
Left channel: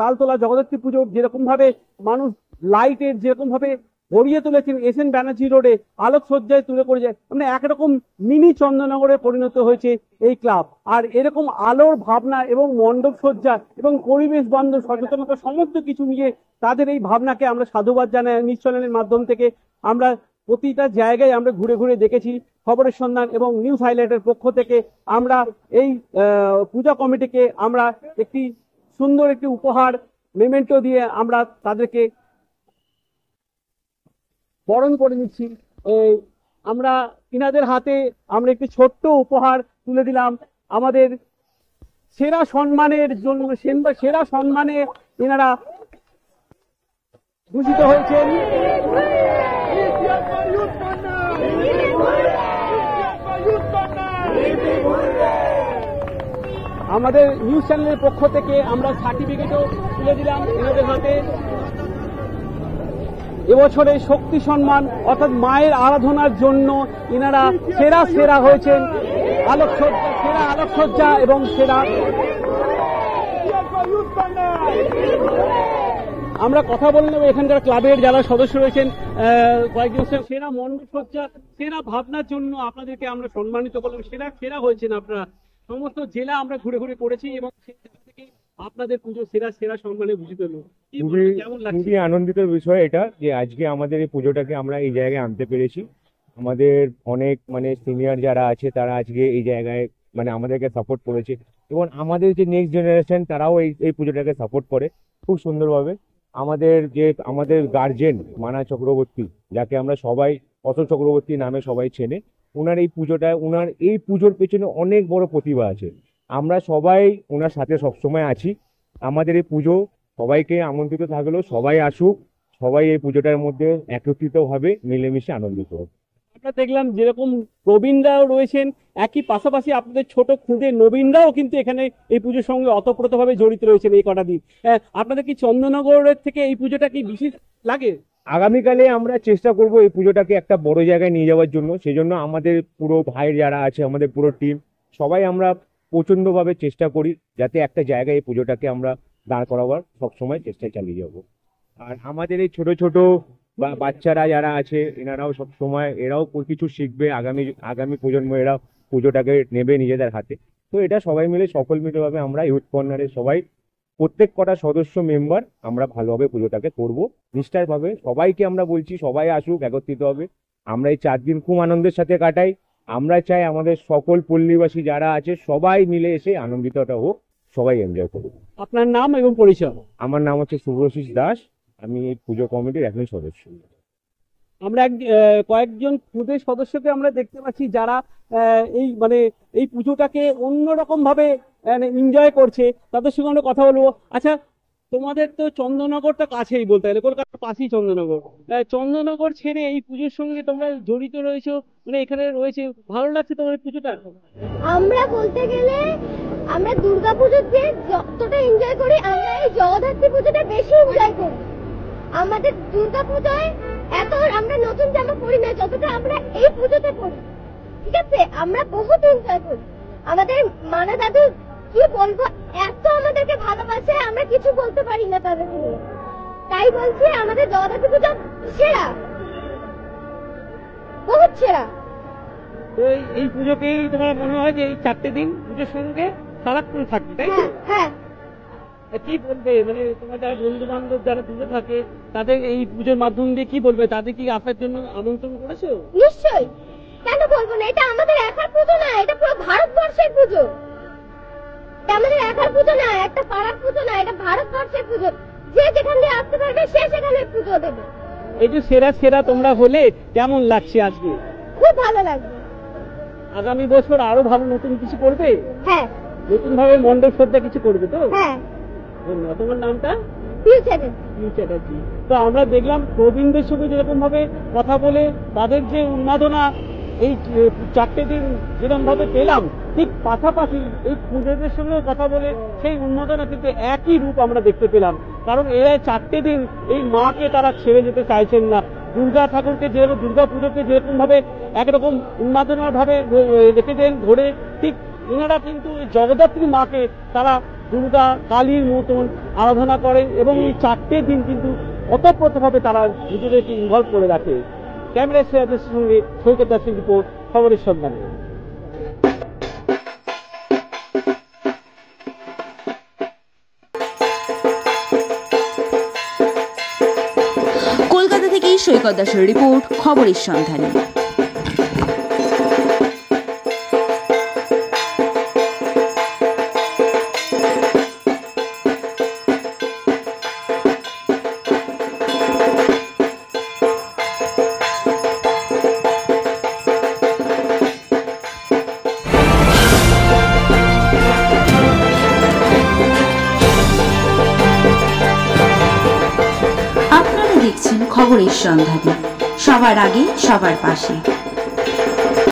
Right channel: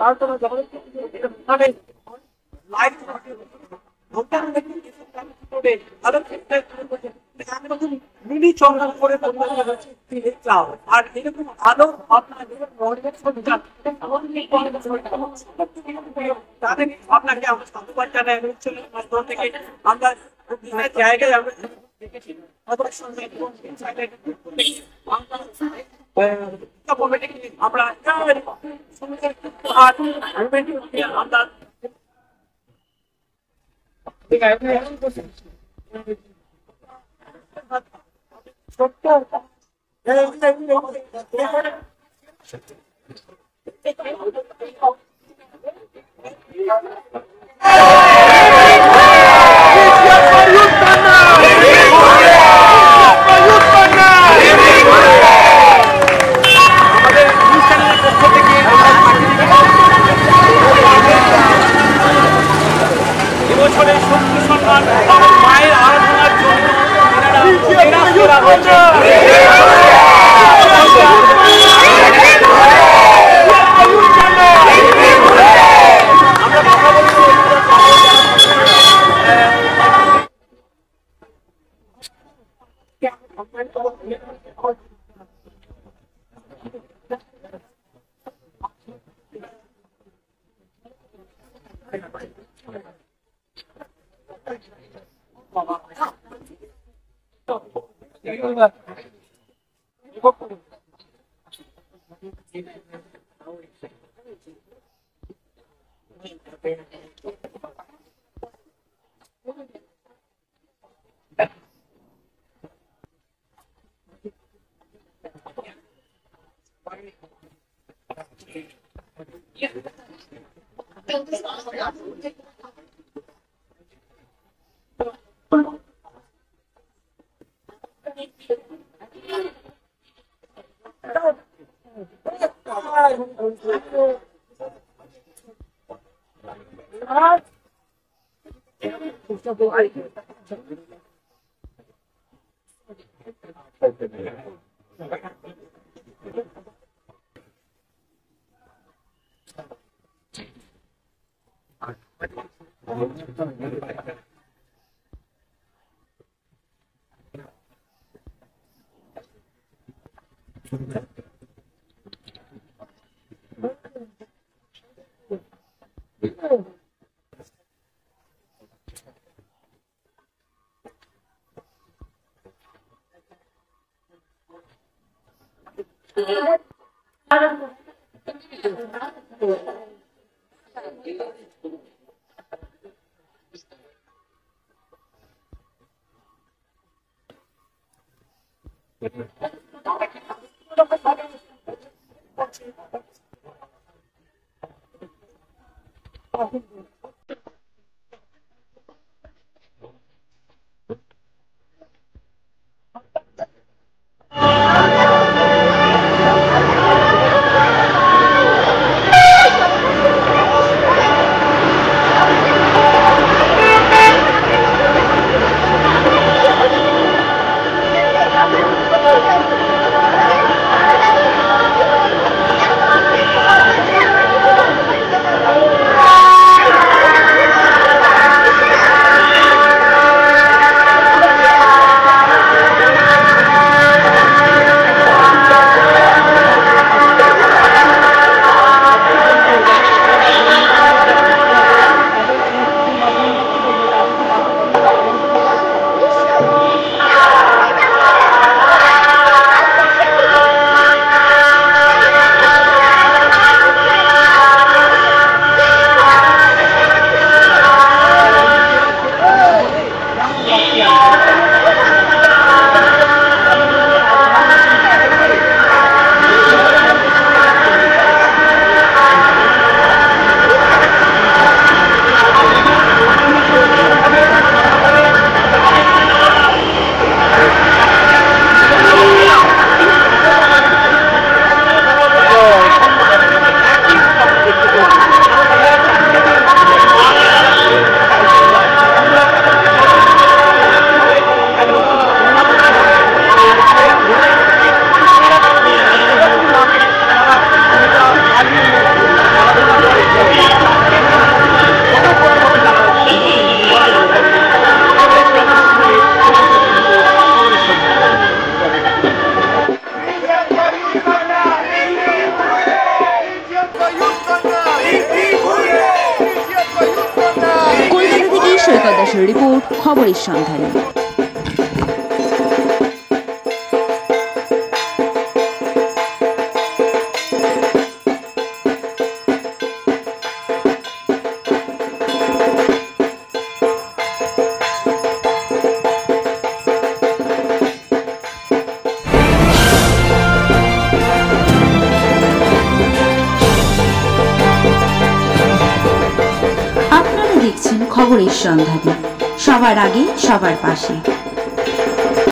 তালতলা জগদ্ধাত্রী পুজো যেরকম ভাবে মানুষ লাইটের যেরকম ভাবে ভরিয়ে তুলেছেন এসএন ব্যানার্জি রোডে আলোকসজ্জায় তুলে পড়ে যায়, মানে একরকম মিনি চন্দননগরে পরিণত হয়েছে এই ক্লাব। আর এরকম আলোর ভাবনা এবং মণ্ডপ সজ্জা এবং পরিবেশ বান্ধব সচেতনতা সমস্ত কিছু মিলিয়ে তাদের এই ভাবনাকে আমরা সাধুবাদ জানাই। নিউজ চ্যানেলের মাধ্যম থেকে আমরা প্রতিটা জায়গায় আমরা ঘুরে ঘুরে দেখেছি। খবরের সন্ধান এবং নিউজ হাইলাইটের পক্ষ থেকে আমরা এই পূজা কমিটিকে আমরা একটি সুন্দর একটি উপহার মেমেন্টো দিয়ে আমরা তাদেরকে বরণ করে নিচ্ছি। আমরা ইনাদের হাতে আমরা একটি ছোট্ট উপহার তুলে দিলাম। আমাদের সেরা সম্মানের জন্য সেরা সম্মানে এনারা আমাদের অনুষ্ঠানের পক্ষ থেকে আমরা এবছরের শক্তি সম্মান অর্থাৎ মায়ের আরাধনার জন্য এনারা সেরা হয়েছে। আমরা কথা বলবো এখানকার ক্লাবের যারা সদস্য রয়েছেন, সেরা মণ্ডপসজ্জা সেরা ভাবনার জন্য আপনাদেরকে আমরা সম্মানিত করলাম। সেরা হয়েছেন আপনারা। সমস্ত জেলা আমরা ঘুরে ঘুরে করেছি এবং আপনাদের পুজো সেরা সম্মানে ভূষিত হলো। খুবই আনন্দিত বিষয় এটা যে আজকে আমাদের এই পুজোটাকে আমরা এই জায়গায় আনতে পেরেছি। আমাদের অনেক সিনিয়র যারা আছে তারা আজকে এই জায়গায় আমাদেরকে সাপোর্ট করেছে এবং আমাদের যে নেক্সট জেনারেশন তারাও এই পুজোটাকে সাপোর্ট করে খুব সুন্দরভাবে। আমাদের গার্জেন মানা চক্রবর্তী, যাকে আমরা সবাই অশোক চক্রবর্তী নামে সবাই চেনে, ওনার এই পুজোর পেছনে অনেক বড় প্রতিভা আছে। আমরা সবাই ওনার সাথে সবসময় আছি। আমাদের এই পুজো সবাইকে আমন্ত্রিত থাকলো, সবাই আসুক, সবাই এই পুজোটার মধ্যে একত্রিতভাবে মিলেমিশে আনন্দ করুক। আমরা দেখলাম যেরকম প্রবীণরাও রয়েছেন, একই পাশাপাশি আপনাদের ছোট খুদে নবীনরাও কিন্তু এখানে এই পুজোর সঙ্গে অতপ্রতভাবে জড়িত রয়েছেন এই কটা দিন। আপনাদের কি চন্দননগরের থেকে এই পুজোটা কি বিশেষ লাগে? আগামীকালে আমরা চেষ্টা করবো এই পুজোটাকে একটা বড় জায়গায় নিয়ে যাওয়ার জন্য। সেই জন্য আমাদের পুরো ভাই যারা আছে, আমাদের পুরো টিম সবাই আমরা প্রচণ্ডভাবে চেষ্টা করি যাতে একটা জায়গায় এই পুজোটাকে আমরা দাঁড় করাবার সবসময় চেষ্টা চালিয়ে যাব। আর আমাদের এই ছোট ছোট বাচ্চারা যারা আছে এনারাও সবসময় এরাও কিছু শিখবে, আগামী প্রজন্ম এরা পুজোটাকে নেবে নিজেদের হাতে। তো এটা সবাই মিলে সকলমিতভাবে আমরা ইউথ কর্নারের সবাই প্রত্যেক কটা সদস্য মেম্বার আমরা ভালোভাবে পুজোটাকে করবো নিষ্ঠারভাবে। সবাইকে আমরা বলছি সবাই আসুক, একত্রিত হবে। আমরা এই 4 দিন খুব আনন্দের সাথে কাটাই। আমরা চাই আমাদের সকল পল্লীবাসী যারা আছে সবাই মিলে এসে আনন্দিতটা হোক, সবাই এনজয় করুক। আপনার নাম এবং পরিচয়? আমার নাম হচ্ছে শুভ্রশিস দাস, আমি এই পুজো কমিটির একজন সদস্য। আমরা কয়েকজন খুদে সদস্যকে আমরা দেখতে পাচ্ছি যারা এই পুজোটাকে অন্যরকম ভাবে এনজয় করছে, তাদের সঙ্গে আমরা কথা বলবো। আচ্ছা, তোমাদের তো চন্দননগরটা কাছেই বলতে গেলে, কলকাতার পাশেই চন্দননগর। চন্দননগর ছেড়ে এই পুজোর সঙ্গে তোমরা জড়িত রয়েছো, এখানে রয়েছে, ভালো লাগছে তোমার পুজোটা? কেমন লাগছে? আগামী বছর আরো ভালো নতুন কিছু করবে, এইভাবে মন্দির করতে কিছু করবে। আমরা যদি প্রতিনিধি সেরকমভাবে কথা বলে তাদেরকে উন্নয়না এই চাকরিটি ঠিক পাশাপাশি এই পুজোর সঙ্গে কথা বলে একই রূপ আমরা দেখতে পাই। কারণ এরা 4 দিন এই মাকে তারা ছেড়ে দিতে চাইছেন না। দুর্গা ঠাকুরকে যেভাবে দুর্গা পুজোকে যেরকমভাবে একরকম উন্নতভাবে ঘুরে ঠিক জগদ্ধাত্রী মাকে তারা ভূমিকা কলকাতা থেকে খবরের সন্ধান। কলকাতা থেকে সৈকত দাসের রিপোর্ট, খবরের সন্ধানে। আপনারা দেখছেন খবরের সন্ধানে, সবার আগে সবার পাশে।